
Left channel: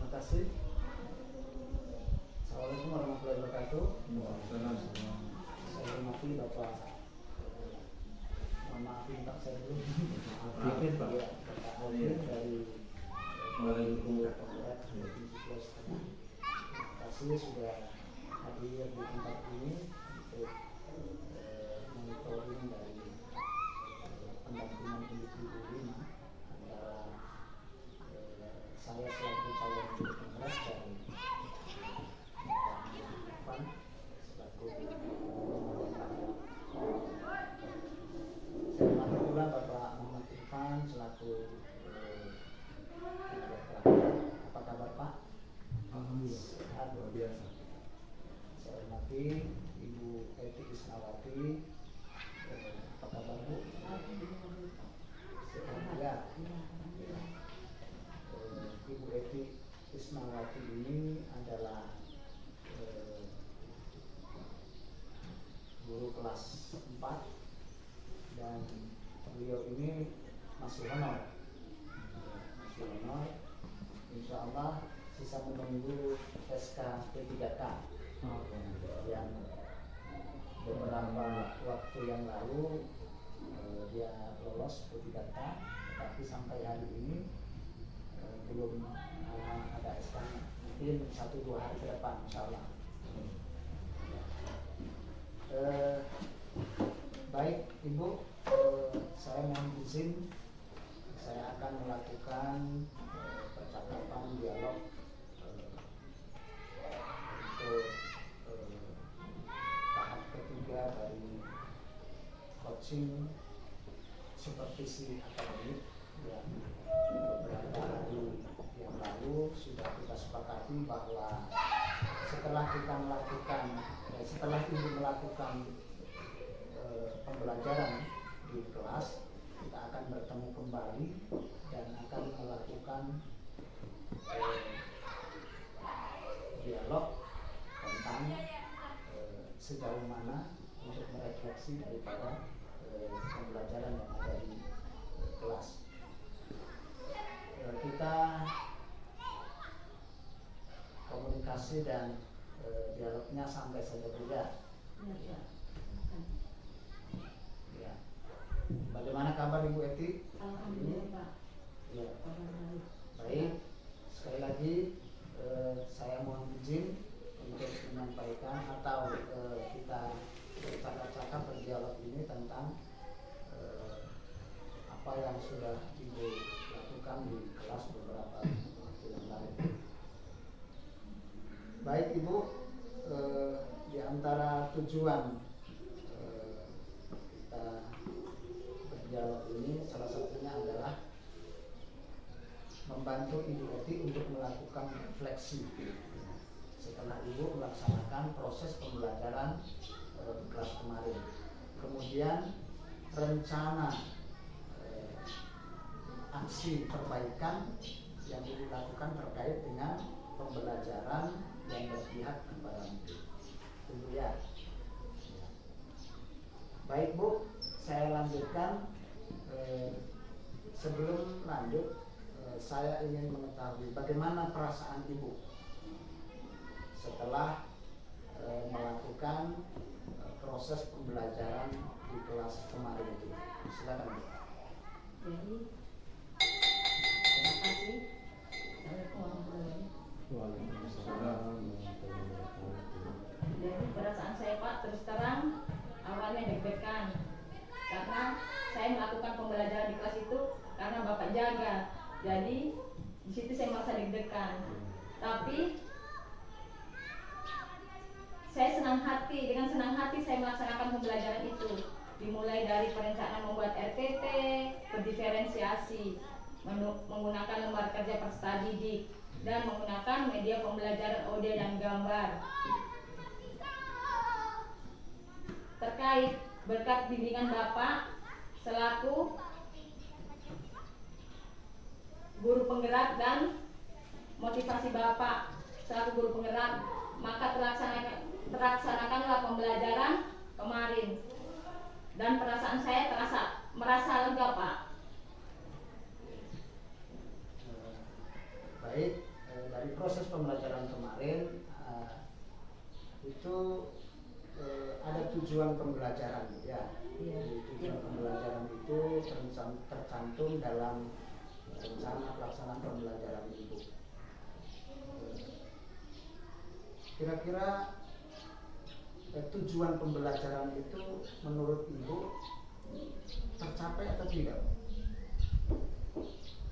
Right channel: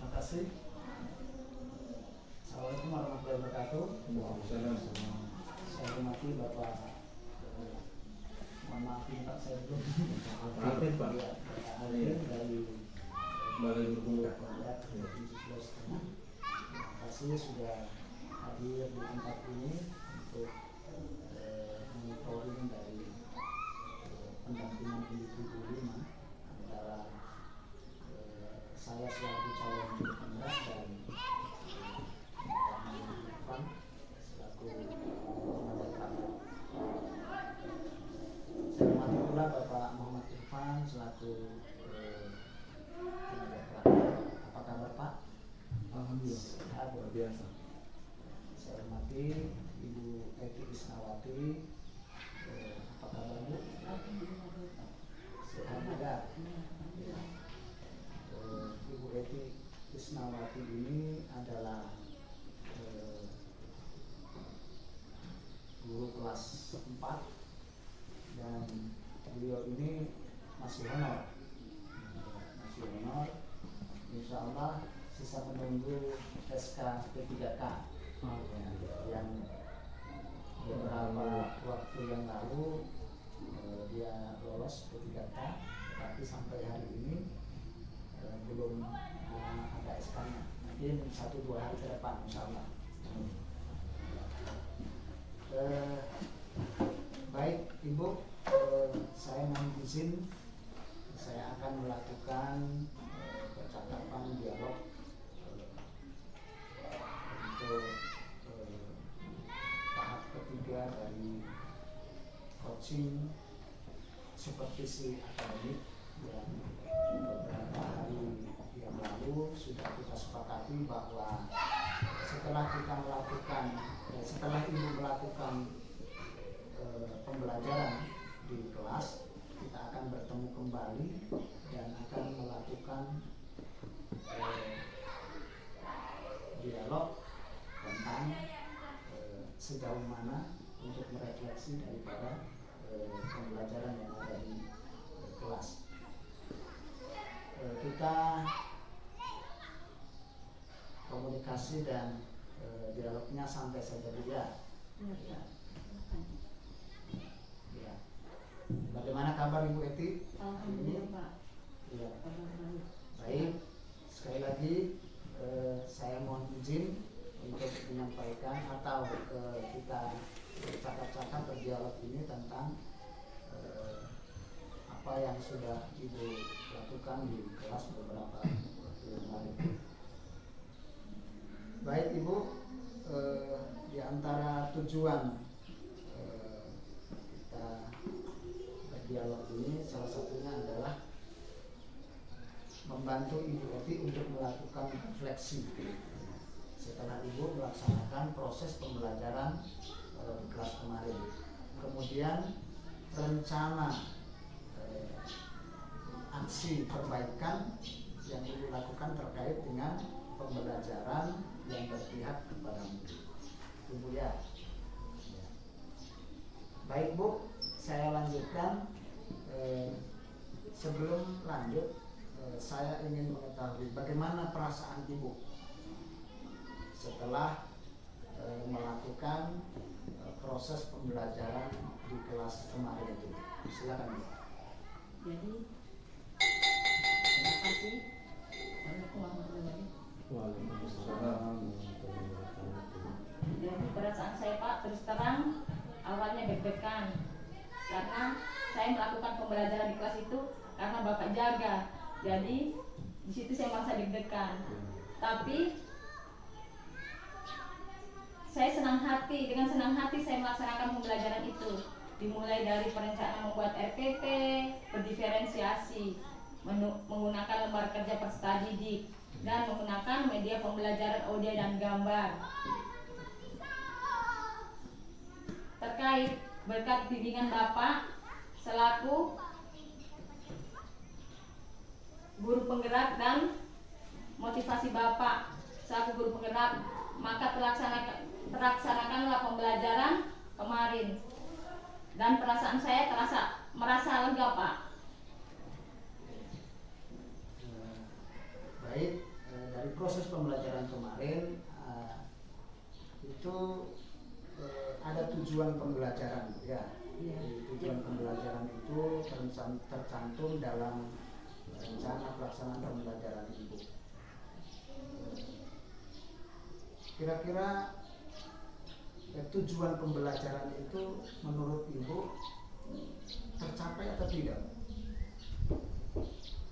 Terima kasih. Assalamualaikum warahmatullahi wabarakatuh. Saya hormati Bapak, mohon maaf saya belum. Alvin Pak. Ya, Pak Alvin dari Balai Berhubungan. Pemkot Provinsi Sulawesi Tengah. Terima kasih sudah hadir di tempat ini untuk monitoring dari pendampingan individu 5 antara saya selaku calon juru penggerak dan Pak Irfan selaku moderator. Saya hormati pula Bapak Muhammad Irfan selaku moderator. Apa kabar Pak? Alhamdulillah. Sehat, Luar biasa. saya hormati Ibu Eti Isnawati. Apa kabar Bu? Sehat juga. Ibu Eti Isnawati ini adalah guru kelas 4 dan beliau ini masih honor. Insya Allah sisa menunggu SK P3K yang beberapa waktu yang lalu dia lolos P3K, tetapi sampai hari ini belum ada SK-nya. Mungkin 1-2 hari ke depan insya Allah. Baik Ibu, saya mohon izin saya akan melakukan percakapan dialog untuk tahap ketiga dari coaching supervisi akademik yang beberapa hari yang lalu sudah kita sepakati bahwa setelah Ibu melakukan pembelajaran di kelas, kita akan bertemu kembali dan akan melakukan dialog tentang sejauh mana untuk merefleksi daripada pembelajaran yang ada di kelas. Kita komunikasi dan dialognya sampai saja dulu ya. Ya. Bagaimana kabar Ibu Eti? Alhamdulillah Pak. Ya. Baik. Sekali lagi saya mohon izin untuk menyampaikan atau kita bercakap-cakap berdialog ini tentang apa yang sudah Ibu lakukan di kelas beberapa waktu yang lalu. Baik Ibu, di antara tujuan kita berdialog ini salah satunya adalah membantu Ibu Eti untuk melakukan refleksi setelah Ibu melaksanakan proses pembelajaran kelas kemarin. Kemudian rencana aksi perbaikan yang Ibu lakukan terkait dengan pembelajaran yang berpihak kepada Ibu ya. Baik Bu, saya lanjutkan. Sebelum lanjut, saya ingin mengetahui bagaimana perasaan Ibu setelah melakukan proses pembelajaran di kelas kemarin itu. Silakan Bu. Jadi terima kasih. Assalamualaikum warahmatullahi wabarakatuh. Waalaikumsalam warahmatullahi wabarakatuh. Jadi perasaan saya Pak terus terang awalnya deg-degan karena saya melakukan pembelajaran di kelas itu karena Bapak jaga. Jadi di situ saya merasa deg-degan. Tapi saya dengan senang hati saya melaksanakan pembelajaran itu. Dimulai dari perencanaan membuat RPP, berdiferensiasi, menggunakan lembar kerja peserta didik, dan menggunakan media pembelajaran audio dan gambar. Terkait berkat bimbingan Bapak selaku guru penggerak dan motivasi Bapak selaku guru penggerak, maka terlaksanakanlah pembelajaran kemarin. Dan perasaan saya merasa lega Pak. Baik, dari proses pembelajaran kemarin itu ada tujuan pembelajaran ya. Tujuan pembelajaran itu tercantum dalam rencana pelaksanaan pembelajaran Ibu. Kira-kira tujuan pembelajaran itu menurut Ibu tercapai atau tidak?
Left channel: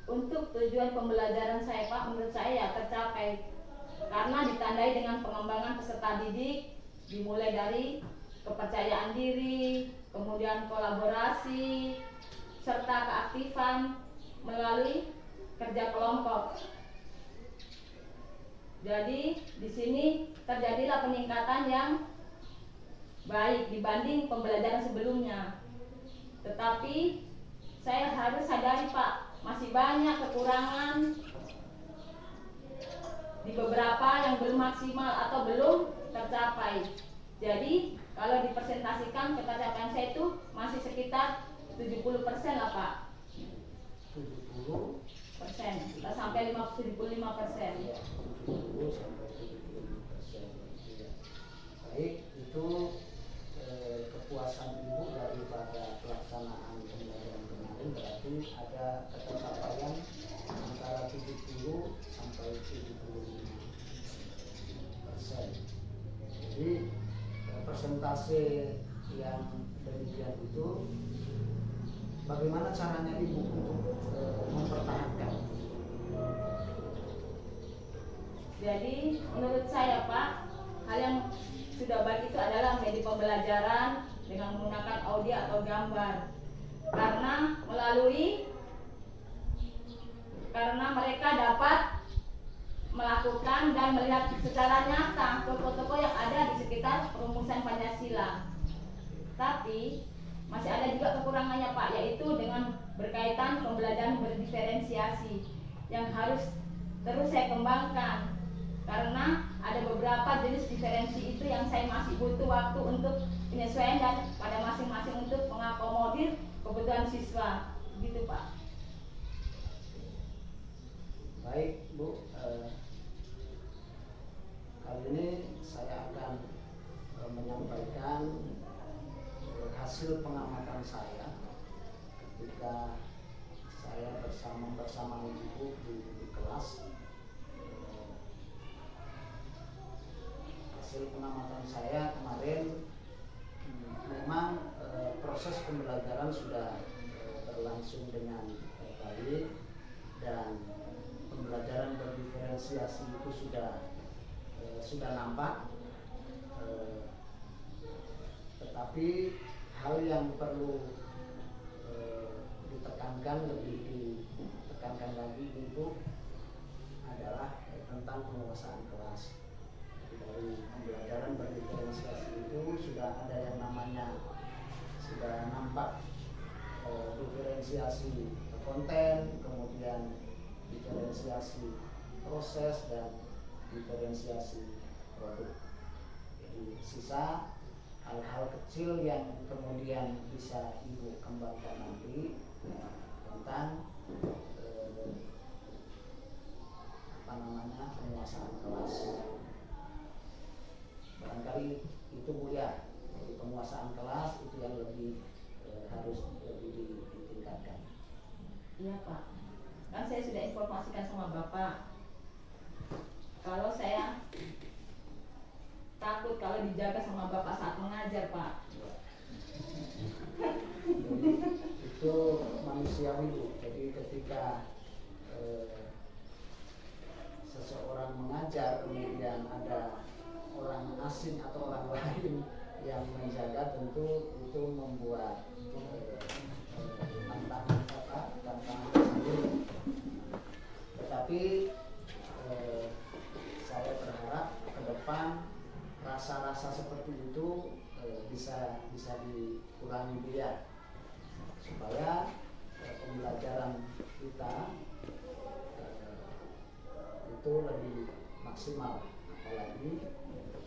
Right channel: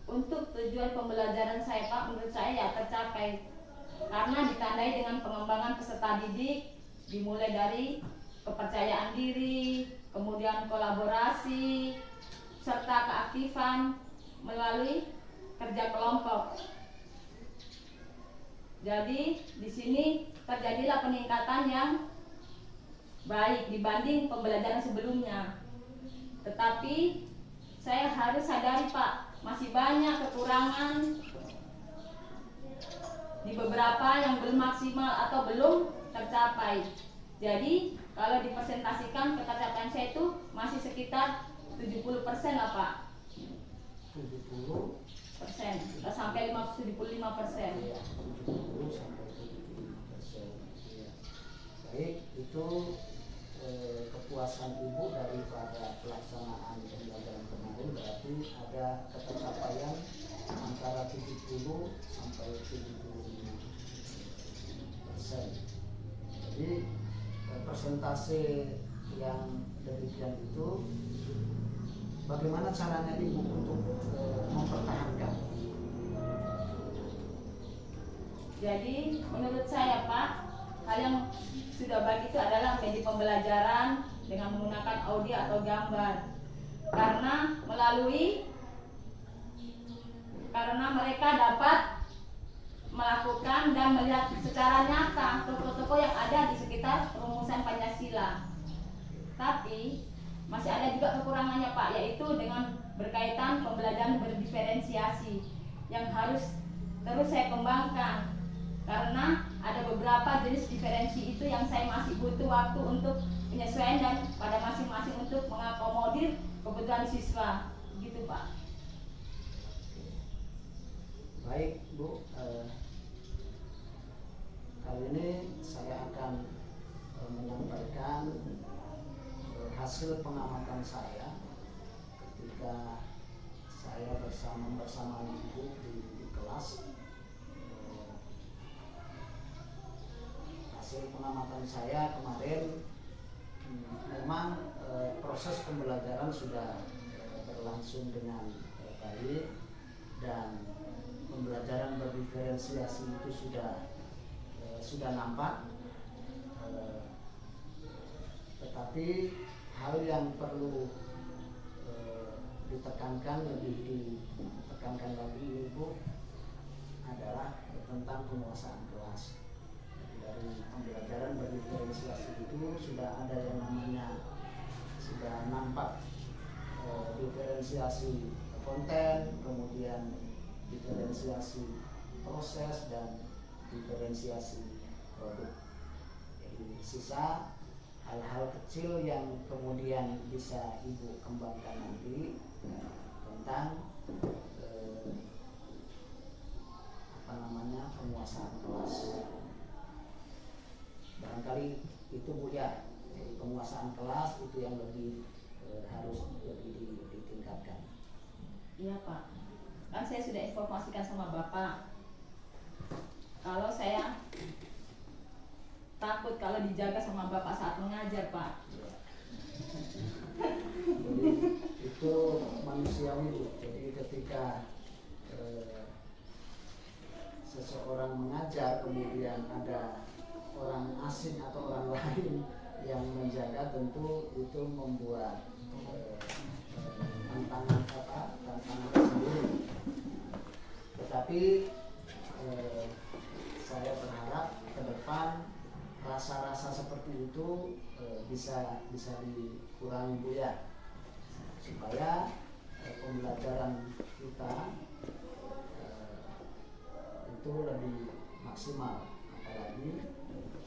Untuk tujuan pembelajaran saya Pak, menurut saya ya tercapai karena ditandai dengan pengembangan peserta didik, dimulai dari kepercayaan diri, kemudian kolaborasi, serta keaktifan melalui kerja kelompok. Jadi di sini terjadilah peningkatan yang baik dibanding pembelajaran sebelumnya. Tetapi saya harus sadari Pak, masih banyak kekurangan di beberapa yang belum maksimal atau belum tercapai. Jadi kalau dipresentasikan ketercapaian saya itu masih sekitar 70% lah Pak. 70%. Kita sampai 75%. Ya, 70 sampai 75%. Ya. Baik, itu kepuasan Ibu daripada pelaksanaan pembelajaran kemarin berarti ada ketercapaian antara 70 sampai 75%. Jadi persentase yang demikian itu bagaimana caranya Ibu untuk mempertahankan? Jadi menurut saya Pak, hal yang sudah baik itu adalah menjadi pembelajaran dengan menggunakan audio atau gambar. Karena mereka dapat melakukan dan melihat secara nyata tokoh-tokoh yang ada di sekitar perumusan Pancasila. Tapi masih ada juga kekurangannya Pak, yaitu dengan berkaitan pembelajaran berdiferensiasi yang harus terus saya kembangkan. Karena ada beberapa jenis diferensi itu yang saya masih butuh waktu untuk penyesuaian dan pada masing-masing untuk mengakomodir kebutuhan siswa, gitu Pak. Baik Bu, kali ini saya akan menyampaikan hasil pengamatan saya ketika saya bersama Ibu di kelas. Hasil pengamatan saya kemarin memang proses pembelajaran sudah berlangsung dengan baik dan pembelajaran berdiferensiasi itu sudah nampak, tetapi hal yang perlu ditekankan lagi Ibu adalah tentang penguasaan kelas. Dari pembelajaran berdiferensiasi itu sudah ada yang namanya sudah nampak diferensiasi konten, kemudian diferensiasi proses dan diferensiasi produk. Jadi sisa hal-hal kecil yang kemudian bisa Ibu kembangkan nanti tentang penguasaan kelas. Barangkali itu Bu ya, jadi penguasaan kelas itu yang harus lebih ditingkatkan. Iya Pak, kan saya sudah informasikan sama Bapak kalau saya takut kalau dijaga sama Bapak saat mengajar Pak. Ya. Jadi itu manusiawi Bu, jadi ketika seseorang mengajar kemudian ada orang asing atau orang lain yang menjaga, tentu itu membuat tantangan tersendiri. Tetapi saya berharap ke depan rasa-rasa seperti itu bisa dikurangi Bu ya, supaya pembelajaran kita itu lebih maksimal. Apalagi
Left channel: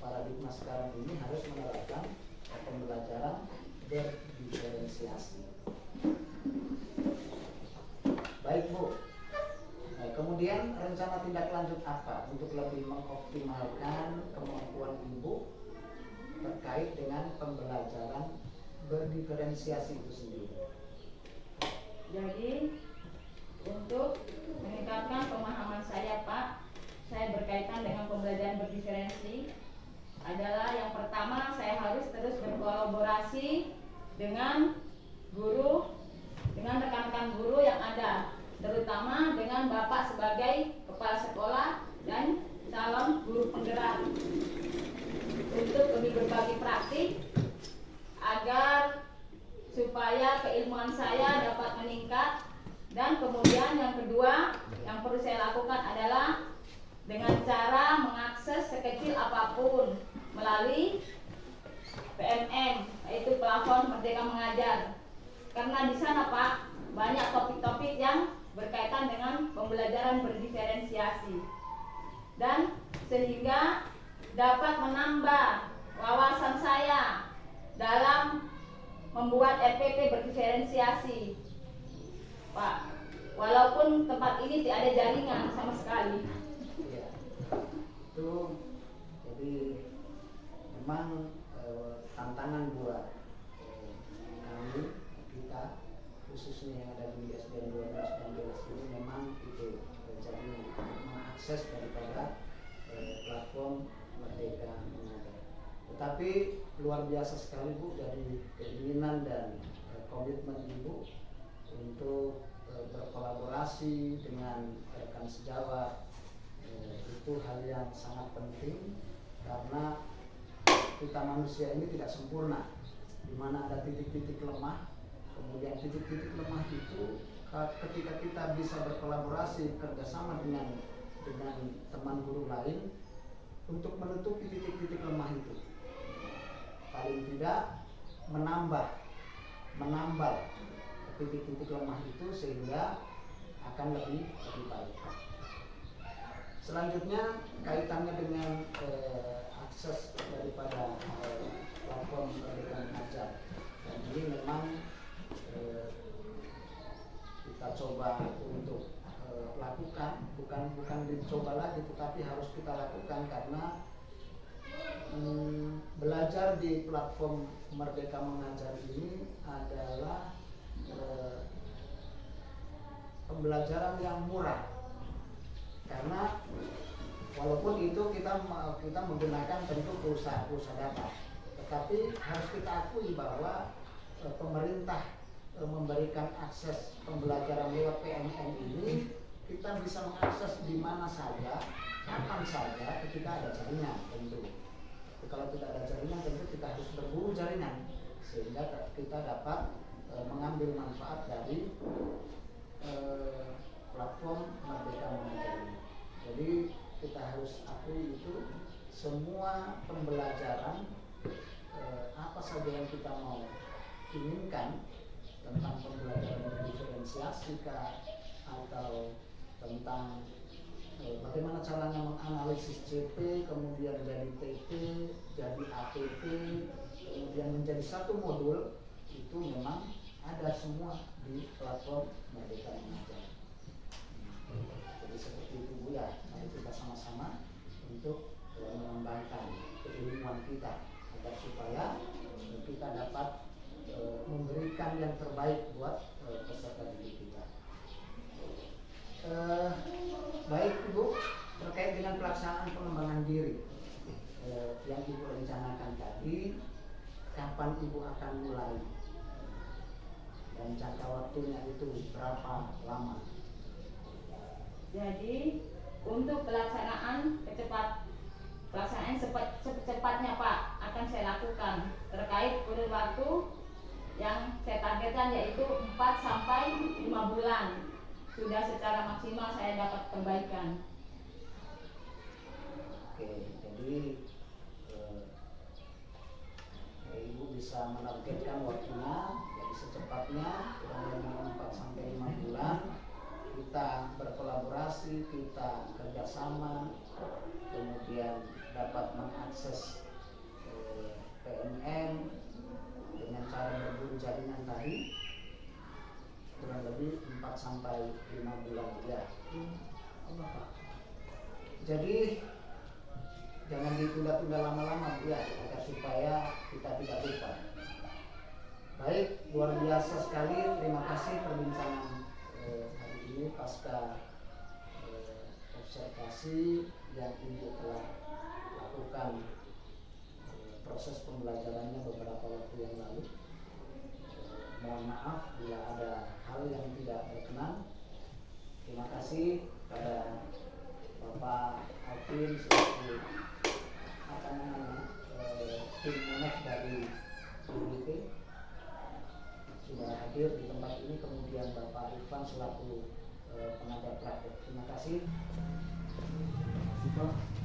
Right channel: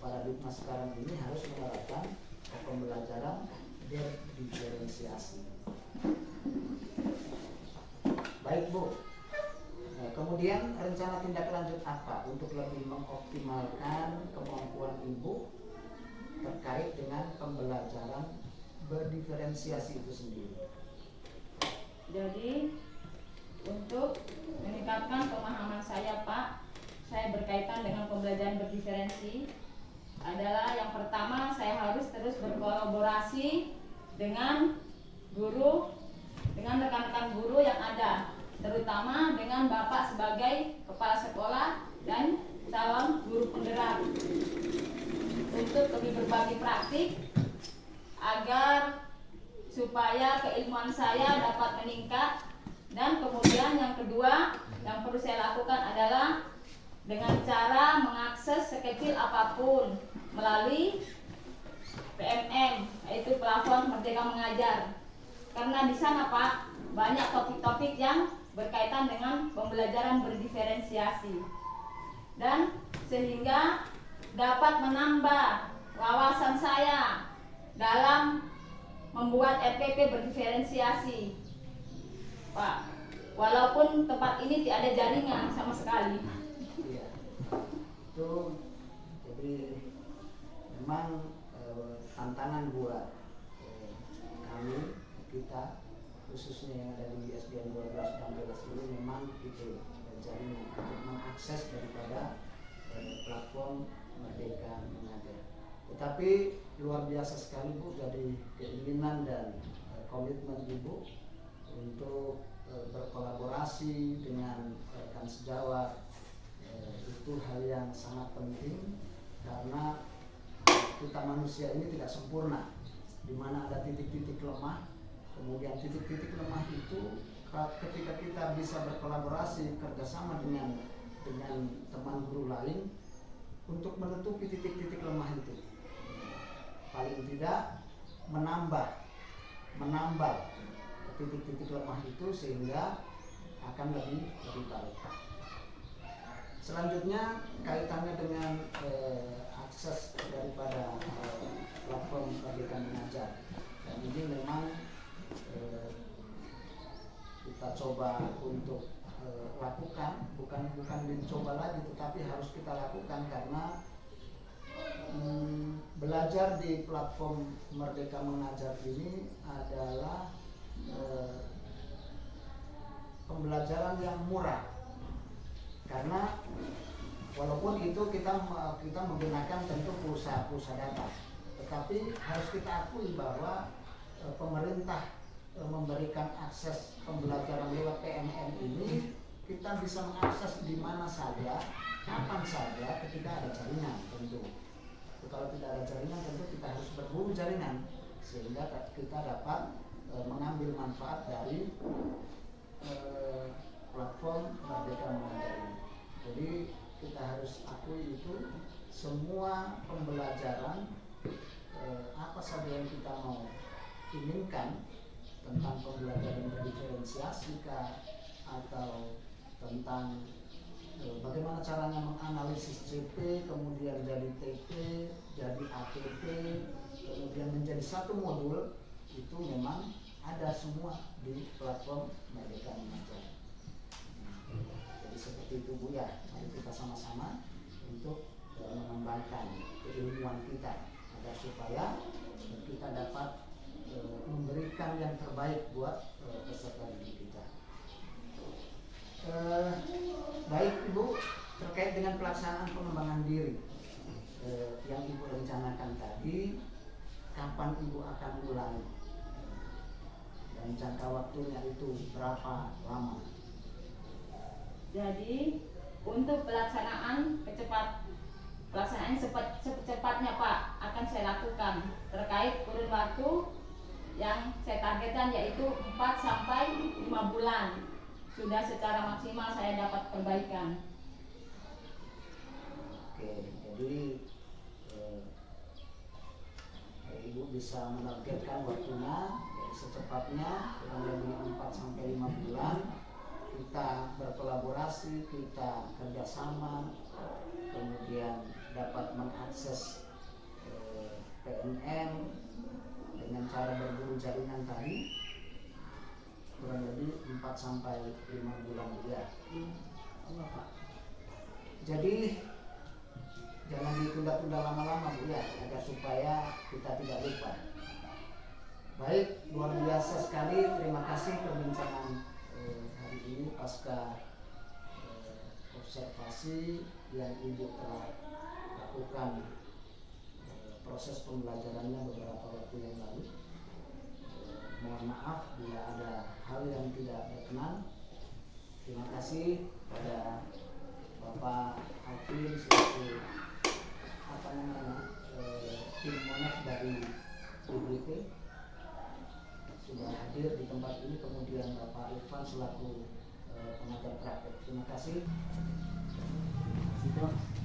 paradigma sekarang ini harus menerapkan pembelajaran berdiferensiasi. Baik Bu, kemudian rencana tindak lanjut apa untuk lebih mengoptimalkan kemampuan Ibu terkait dengan pembelajaran berdiferensiasi itu sendiri? Jadi untuk meningkatkan pemahaman saya Pak, saya berkaitan dengan pembelajaran berdiferensi adalah yang pertama saya harus terus berkolaborasi dengan guru, dengan rekan-rekan guru yang ada, terutama dengan Bapak sebagai kepala sekolah dan calon guru penggerak untuk lebih berbagi praktik agar supaya keilmuan saya dapat meningkat. Dan kemudian yang kedua yang perlu saya lakukan adalah dengan cara mengakses sekecil apapun melalui PMM, yaitu platform Merdeka Mengajar. Karena di sana Pak banyak topik-topik yang berkaitan dengan pembelajaran berdiferensiasi dan sehingga dapat menambah wawasan saya dalam membuat RPP berdiferensiasi Pak, walaupun tempat ini tidak ada jaringan sama sekali. Iya. Itu jadi memang tantangan buat kami, kita khususnya yang ada di SDN 12 Banggelas ini memang itu jaringan untuk mengakses daripada platform Merdeka Mengajar. Tetapi luar biasa sekali Bu, dari keinginan dan komitmen Ibu untuk berkolaborasi dengan rekan sejawat, itu hal yang sangat penting karena kita manusia ini tidak sempurna, di mana ada titik-titik lemah. Kemudian titik-titik lemah itu ketika kita bisa berkolaborasi kerjasama dengan teman guru lain untuk menutupi titik-titik lemah itu, paling tidak menambal titik-titik lemah itu sehingga akan lebih baik. Selanjutnya kaitannya dengan akses daripada platform Merdeka Mengajar. Dan ini memang kita coba untuk lakukan, bukan mencoba lagi, tetapi harus kita lakukan karena belajar di platform Merdeka Mengajar ini adalah pembelajaran yang murah, karena walaupun itu kita menggunakan tentu pulsa data, tetapi harus kita akui bahwa pemerintah memberikan akses pembelajaran lewat PMM ini, kita bisa mengakses di mana saja, kapan saja, ketika ada jaringan tentu. Kalau tidak ada jaringan tentu kita harus berburu jaringan sehingga kita dapat mengambil manfaat dari platform Merdeka Mengajar ini. Jadi kita harus akui itu semua pembelajaran apa saja yang kita mau inginkan tentang pembelajaran berdiferensiasi atau tentang bagaimana caranya menganalisis CP, kemudian jadi TP, jadi ATP, kemudian menjadi satu modul, itu memang ada semua di platform Merdeka Mengajar. Jadi seperti itu Bu ya, mari kita sama-sama untuk mengembangkan keilmuan kita agar supaya kita dapat memberikan yang terbaik buat peserta didik kita. Baik Ibu, terkait dengan pelaksanaan pengembangan diri yang Ibu rencanakan tadi, kapan Ibu akan mulai dan jangka waktunya itu berapa lama? Jadi untuk pelaksanaan secepatnya Pak akan saya lakukan terkait kurun waktu yang saya targetkan, yaitu 4 sampai 5 bulan sudah secara maksimal saya dapat perbaikan. Oke, jadi Ibu bisa menargetkan waktunya jadi secepatnya kurang lebih 4 sampai 5 bulan kita berkolaborasi, kita kerjasama, kemudian dapat mengakses PMM dengan cara berburu jaringan tadi kurang lebih 4 sampai 5 bulan ya. Jadi jangan ditunda-tunda lama-lama ya, agar supaya kita tidak lupa Baik, luar biasa sekali. Terima kasih perbincangan hari ini pasca observasi yang Ibu telah lakukan proses pembelajarannya beberapa waktu yang lalu. Mohon maaf bila ada hal yang tidak berkenan. Terima kasih pada Bapak Alvin selaku tim monef dari UGT sudah hadir di tempat ini, kemudian Bapak Irfan selaku pengajar praktek. Terima kasih. Terima kasih Pak.